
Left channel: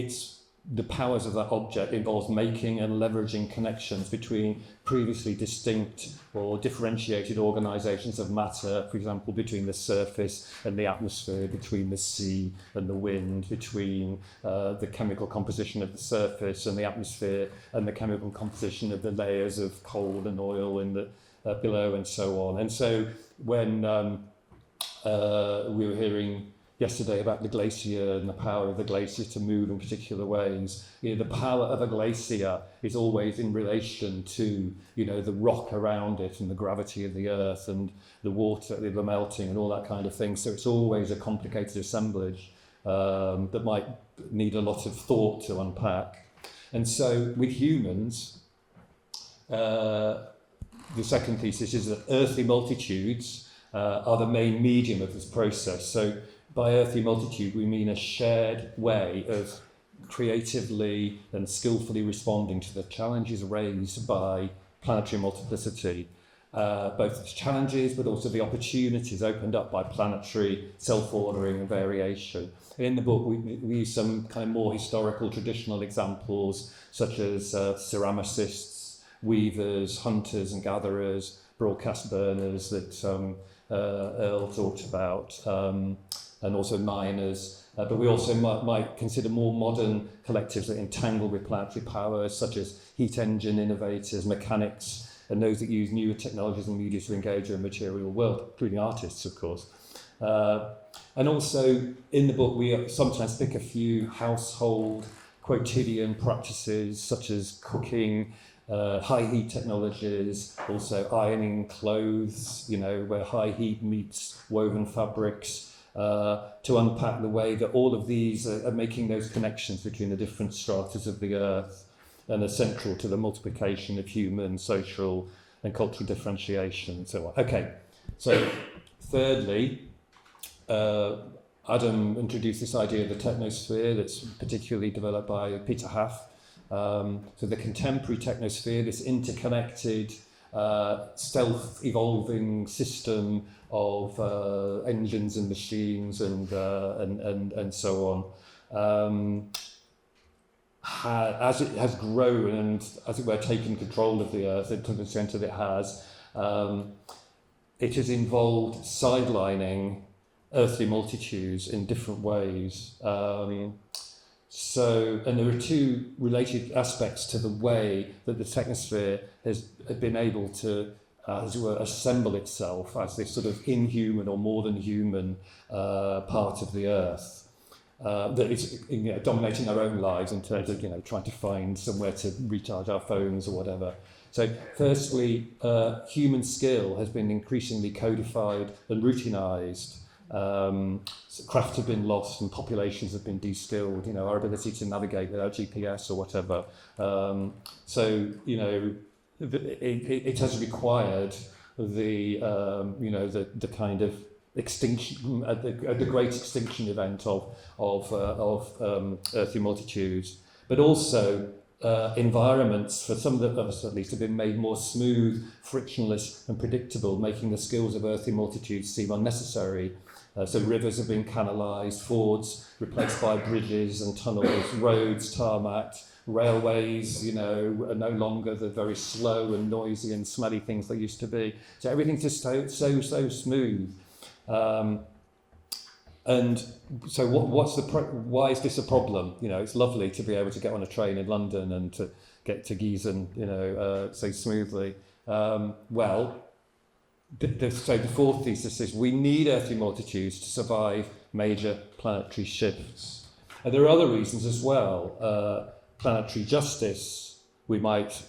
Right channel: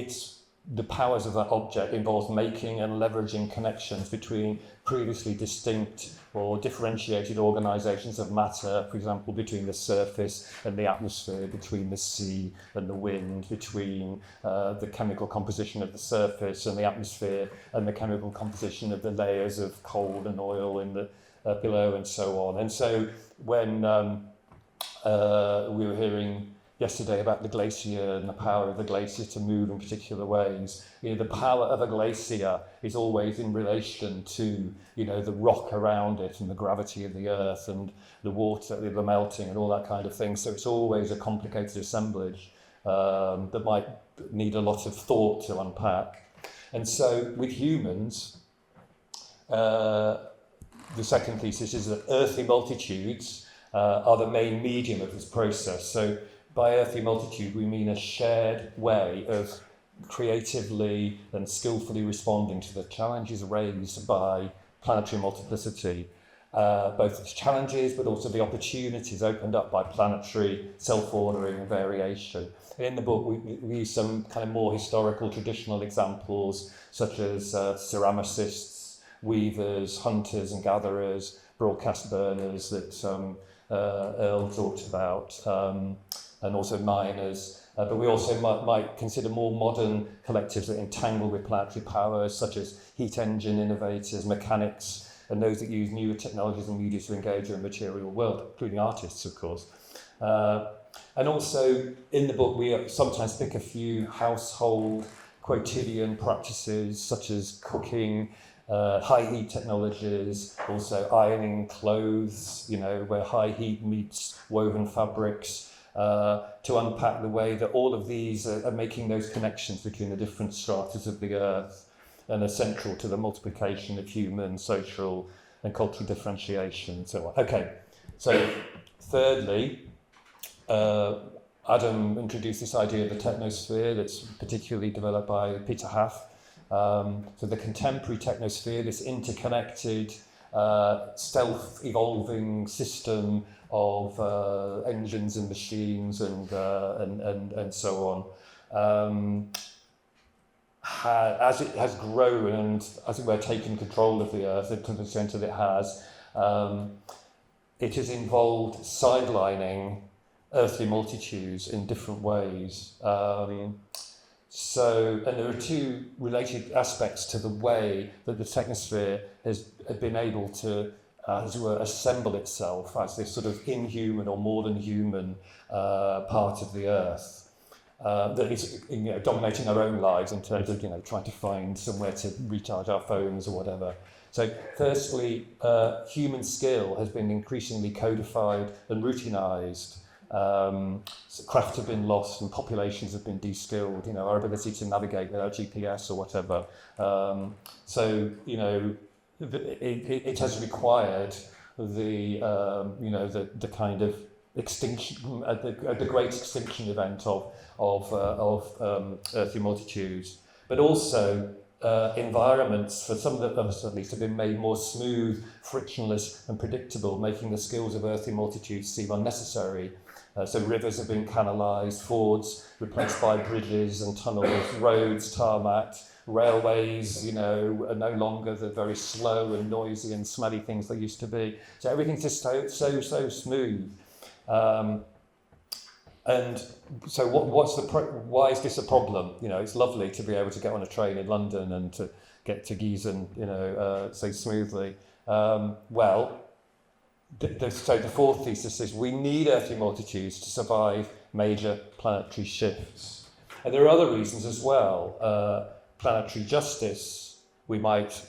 the powers of that object involves making and leveraging connections between previously distinct or differentiated organisations of matter, for example, between the surface and the atmosphere, between the sea and the wind, between the chemical composition of the surface and the atmosphere and the chemical composition of the layers of coal and oil in the below, and so on. And so when we were hearing yesterday about the glacier and the power of the glacier to move in particular ways, the power of a glacier is always in relation to, the rock around it and the gravity of the earth and the water, the melting and all that kind of thing. So it's always a complicated assemblage that might need a lot of thought to unpack. And so with humans, the second thesis is that earthly multitudes are the main medium of this process. So by earthly multitude, we mean a shared way of creatively and skillfully responding to the challenges raised by planetary multiplicity, both the challenges but also the opportunities opened up by planetary self-ordering and variation. In the book, we use some kind of more historical, traditional examples, such as ceramicists, weavers, hunters and gatherers, broadcast burners that Erle talked about, and also miners. But we also might consider more modern collectives that entangle with planetary powers, such as heat engine innovators, mechanics, and those that use newer technologies and media to engage in the material world, including artists, of course. And also, in the book, we sometimes pick a few household quotidian practices, such as cooking, high heat technologies, also ironing clothes, where high heat meets woven fabrics, to unpack the way that all of these are making those connections between the different stratas of the earth and are central to the multiplication of human, social and cultural differentiation and so on. Okay, so thirdly, Adam introduced this idea of the technosphere that's particularly developed by Peter Haff. So the contemporary technosphere, this interconnected, self-evolving system of engines and machines and so on, as it has grown and, as it were, taken control of the earth, to the extent that it has, it has involved sidelining earthly multitudes in different ways. And there are two related aspects to the way that the technosphere has been able to, as it were, assemble itself as this sort of inhuman or more than human part of the earth that is dominating our own lives in terms of trying to find somewhere to recharge our phones or whatever. So firstly, human skill has been increasingly codified and routinized. Craft have been lost and populations have been de-skilled, our ability to navigate without GPS or whatever. It has required the kind of extinction, the great extinction event of earthly multitudes, but also environments, for some of us at least, have been made more smooth, frictionless and predictable, making the skills of earthly multitudes seem unnecessary. So rivers have been canalised, fords replaced by bridges and tunnels, roads tarmacked, railways, are no longer the very slow and noisy and smelly things they used to be. So everything's just so smooth. And so why is this a problem? It's lovely to be able to get on a train in London and to get to Gießen, so smoothly. So the fourth thesis is we need earthly multitudes to survive major planetary shifts. And there are other reasons as well. Planetary justice, we might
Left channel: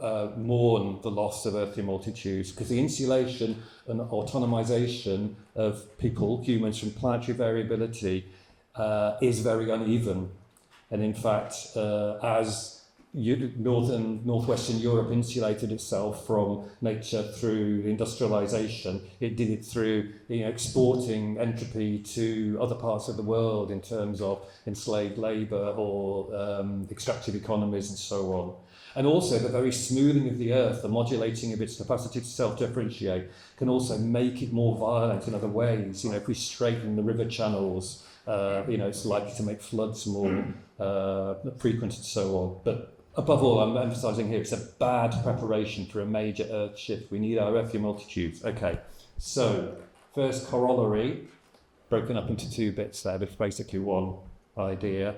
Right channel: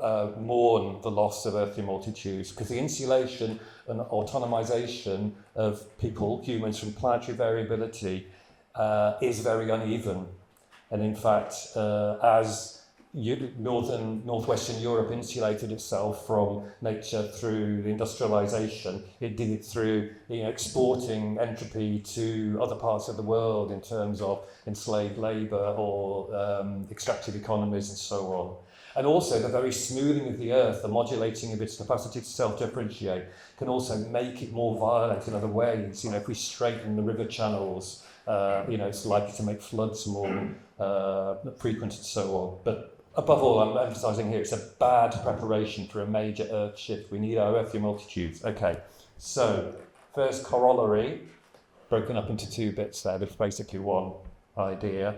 mourn the loss of earthly multitudes, because the insulation and autonomization of people, humans, from planetary variability is very uneven. And in fact, as northwestern Europe insulated itself from nature through industrialization, it did it through exporting entropy to other parts of the world in terms of enslaved labor or extractive economies and so on. And also the very smoothing of the earth, the modulating of its capacity to self-differentiate, can also make it more violent in other ways. If we straighten the river channels, it's likely to make floods more frequent and so on. But above all, I'm emphasising here, it's a bad preparation for a major earth shift. We need our earthly multitudes. Okay, so first corollary, broken up into two bits there, but it's basically one idea.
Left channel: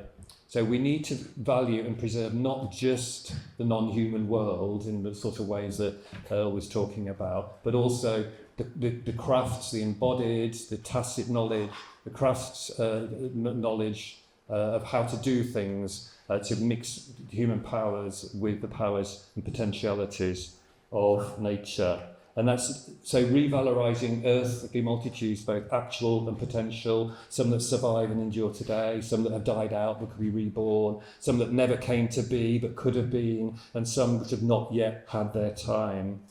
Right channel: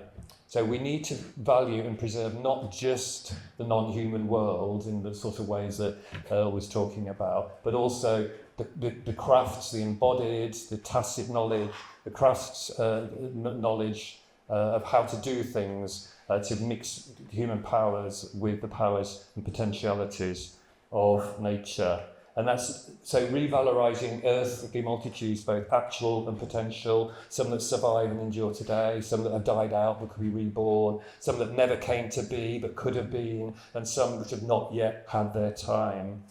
So we need to value and preserve not just the non-human world in the sort of ways that Erle was talking about, but also the crafts, the embodied, the tacit knowledge, the crafts knowledge of how to do things, to mix human powers with the powers and potentialities of nature. And that's so revalorizing earthly multitudes, both actual and potential, some that survive and endure today, some that have died out but could be reborn, some that never came to be but could have been, and some that have not yet had their time.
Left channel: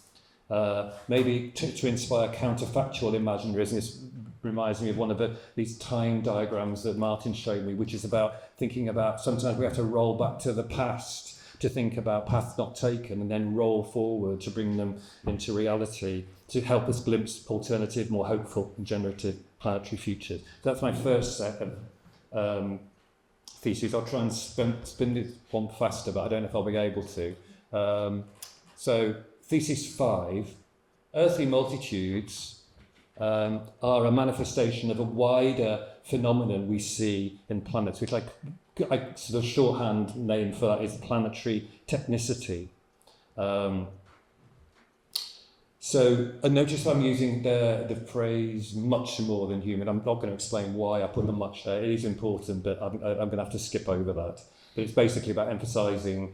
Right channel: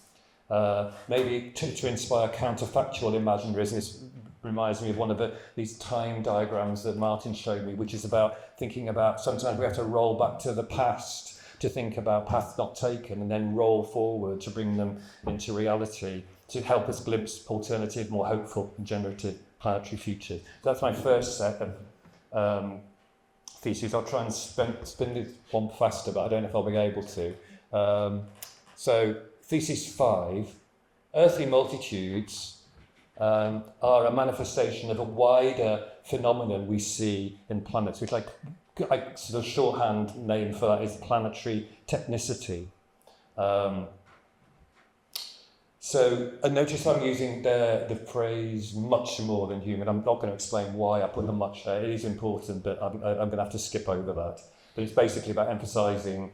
Maybe to inspire counterfactual imaginaries. And this reminds me of one of these time diagrams that Martin showed me, which is about thinking about sometimes we have to roll back to the past to think about paths not taken, and then roll forward to bring them into reality, to help us glimpse alternative, more hopeful and generative planetary futures. That's my first set of theses. I'll try and spin this one faster, but I don't know if I'll be able to. So thesis 5, earthly multitudes are a manifestation of a wider phenomenon we see in planets, which I sort of shorthand name for that is planetary technicity. So notice I'm using the phrase much more than human. I'm not going to explain why I put the much there. It is important, but I'm going to have to skip over that. But it's basically about emphasising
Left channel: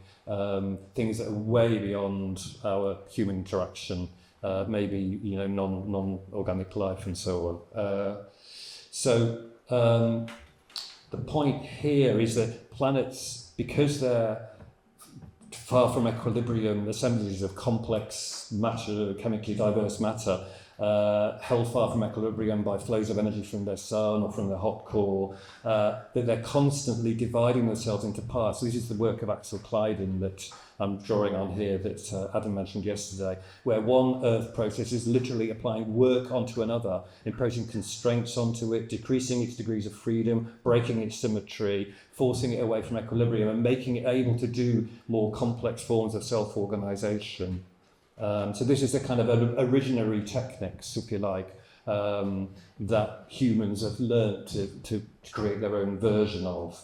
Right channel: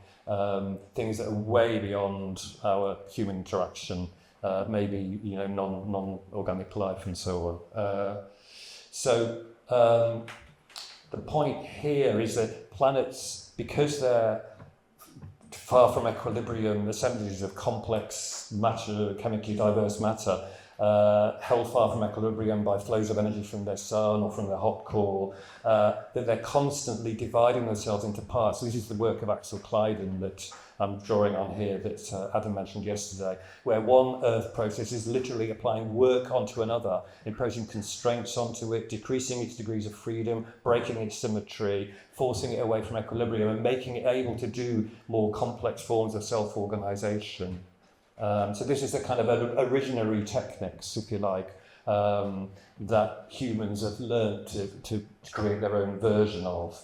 things that are way beyond our human interaction, maybe non-organic life and so on. The point here is that planets, because they're far from equilibrium, assemblages of complex matter, chemically diverse matter, held far from equilibrium by flows of energy from their sun or from their hot core, that they're constantly dividing themselves into parts. So this is the work of Axel Kleiden that I'm drawing on here that Adam mentioned yesterday, where one earth process is literally applying work onto another, imposing constraints onto it, decreasing its degrees of freedom, breaking its symmetry, forcing it away from equilibrium, and making it able to do more complex forms of self-organization. So this is the kind of originary techniques, if you like, that humans have learned to create their own version of.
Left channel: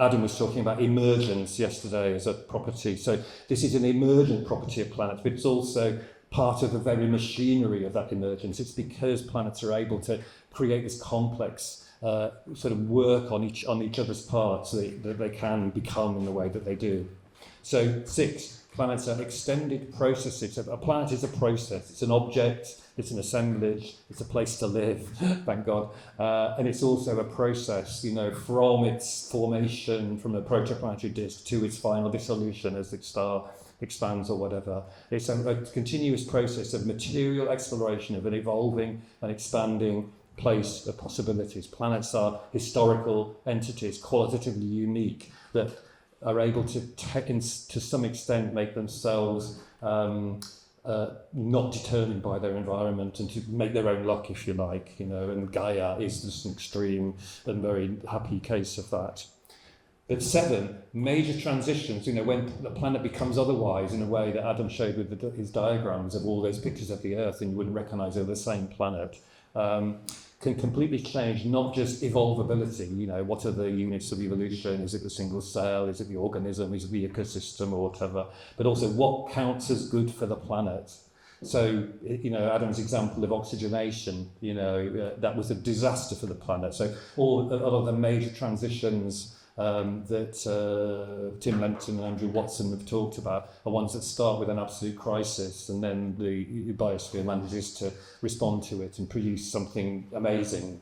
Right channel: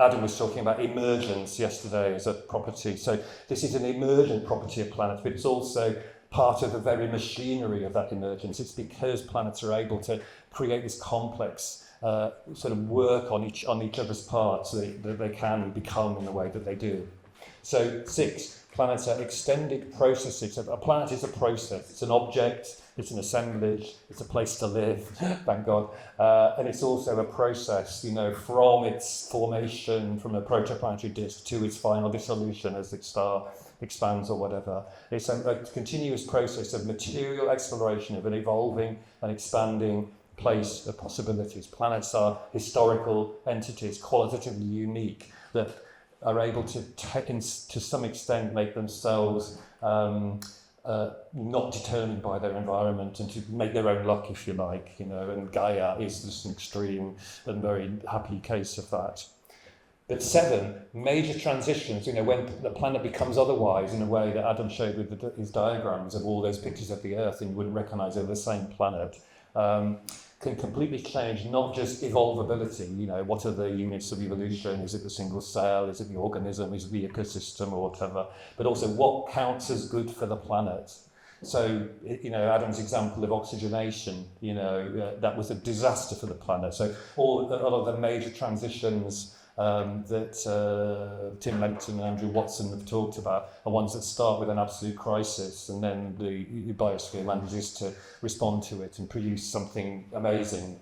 Adam was talking about emergence yesterday as a property. So this is an emergent property of planets, but it's also part of the very machinery of that emergence. It's because planets are able to create this complex sort of work on each other's parts that they can become in the way that they do. So 6, planets are extended processes. A planet is a process. It's an object. It's an assemblage, it's a place to live, thank God. And it's also a process, from its formation, from a protoplanetary disk to its final dissolution as the star expands or whatever. It's a continuous process of material exploration of an evolving and expanding place of possibilities. Planets are historical entities, qualitatively unique, that are able to to some extent make themselves not determined by their environment and to make their own luck, if you like, and Gaia is just an extreme and very happy case of that. But 7, major transitions, when the planet becomes otherwise in a way that Adam showed with his diagrams of all those pictures of the Earth and you wouldn't recognise they're the same planet, can completely change not just evolvability, what are the units of evolution, is it the single cell, is it the organism, is it the ecosystem or whatever, but also what counts as good for the planet. So, Adam's example of oxygenation, that was a disaster for the planet. So a lot of the major transitions that Tim Lenton and Andrew Watson have talked about are ones that start with an absolute crisis, and then the biosphere manages to respond to it and produce something amazing,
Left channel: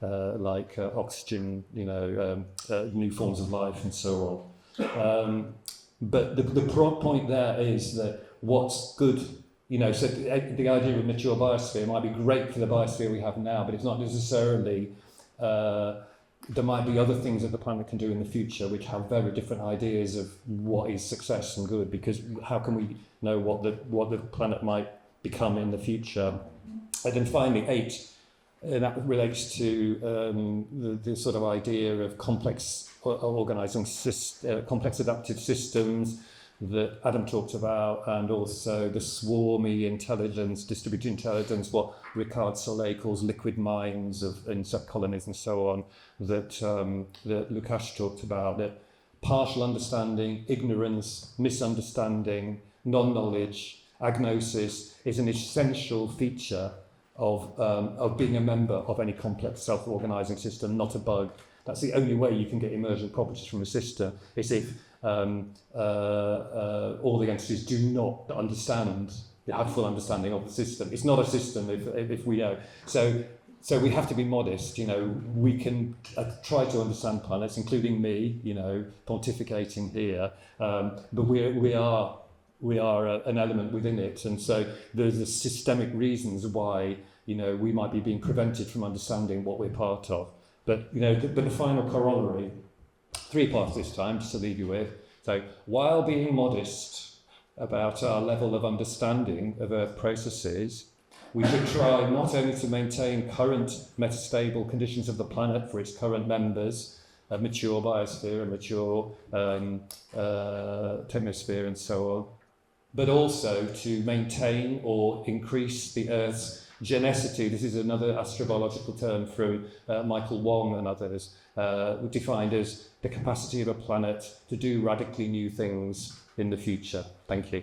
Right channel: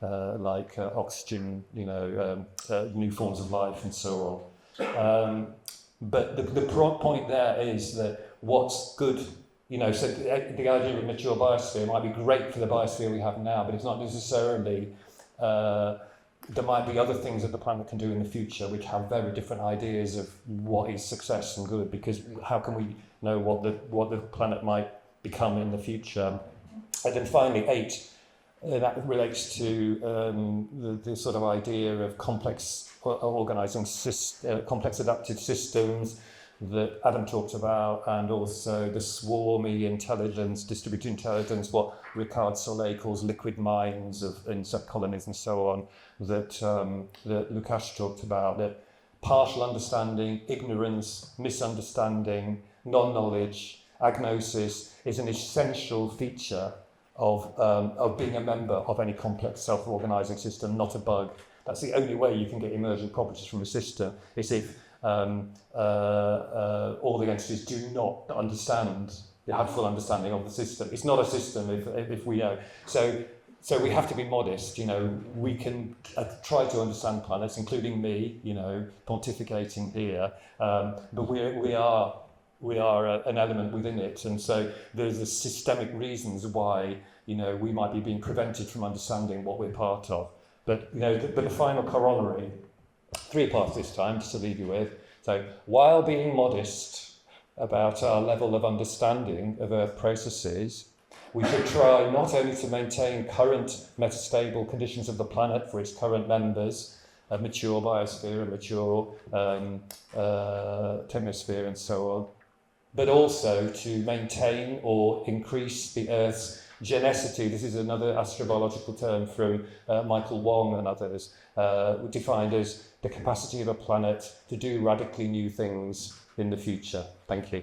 like oxygen, new forms of life and so on. But the point there is that what's good, so the idea of mature biosphere might be great for the biosphere we have now, but it's not necessarily, there might be other things that the planet can do in the future which have very different ideas of what is success and good, because how can we know what the planet might become in the future? And then finally, 8, that relates to the sort of idea of complex organising complex adaptive systems that Adam talked about, and also the swarmy intelligence, distributed intelligence, what Ricard Soleil calls liquid minds of insect colonies and so on, that Lukáš talked about, that partial understanding, ignorance, misunderstanding, non-knowledge, agnosis is an essential feature of being a member of any complex self-organising system, not a bug. That's the only way you can get emergent properties from a system, is if all the entities do not understand, they have full understanding of the system. It's not a system if we know. So we have to be modest. We can try to understand planets, including me, pontificating here, but we are an element within it, and so there's a systemic reasons why we might be being prevented from understanding what we're part of. But the final corollary, 3 parts this time, just to leave you with. So while being modest about our level of understanding of Earth processes, we should try not only to maintain current metastable conditions of the planet for its current members, a mature biosphere, a mature thermosphere and so on, but also to maintain or increase the Earth's genicity. This is another astrobiological term from Michael Wong and others, defined as the capacity of a planet to do radically new things in the future. Thank you.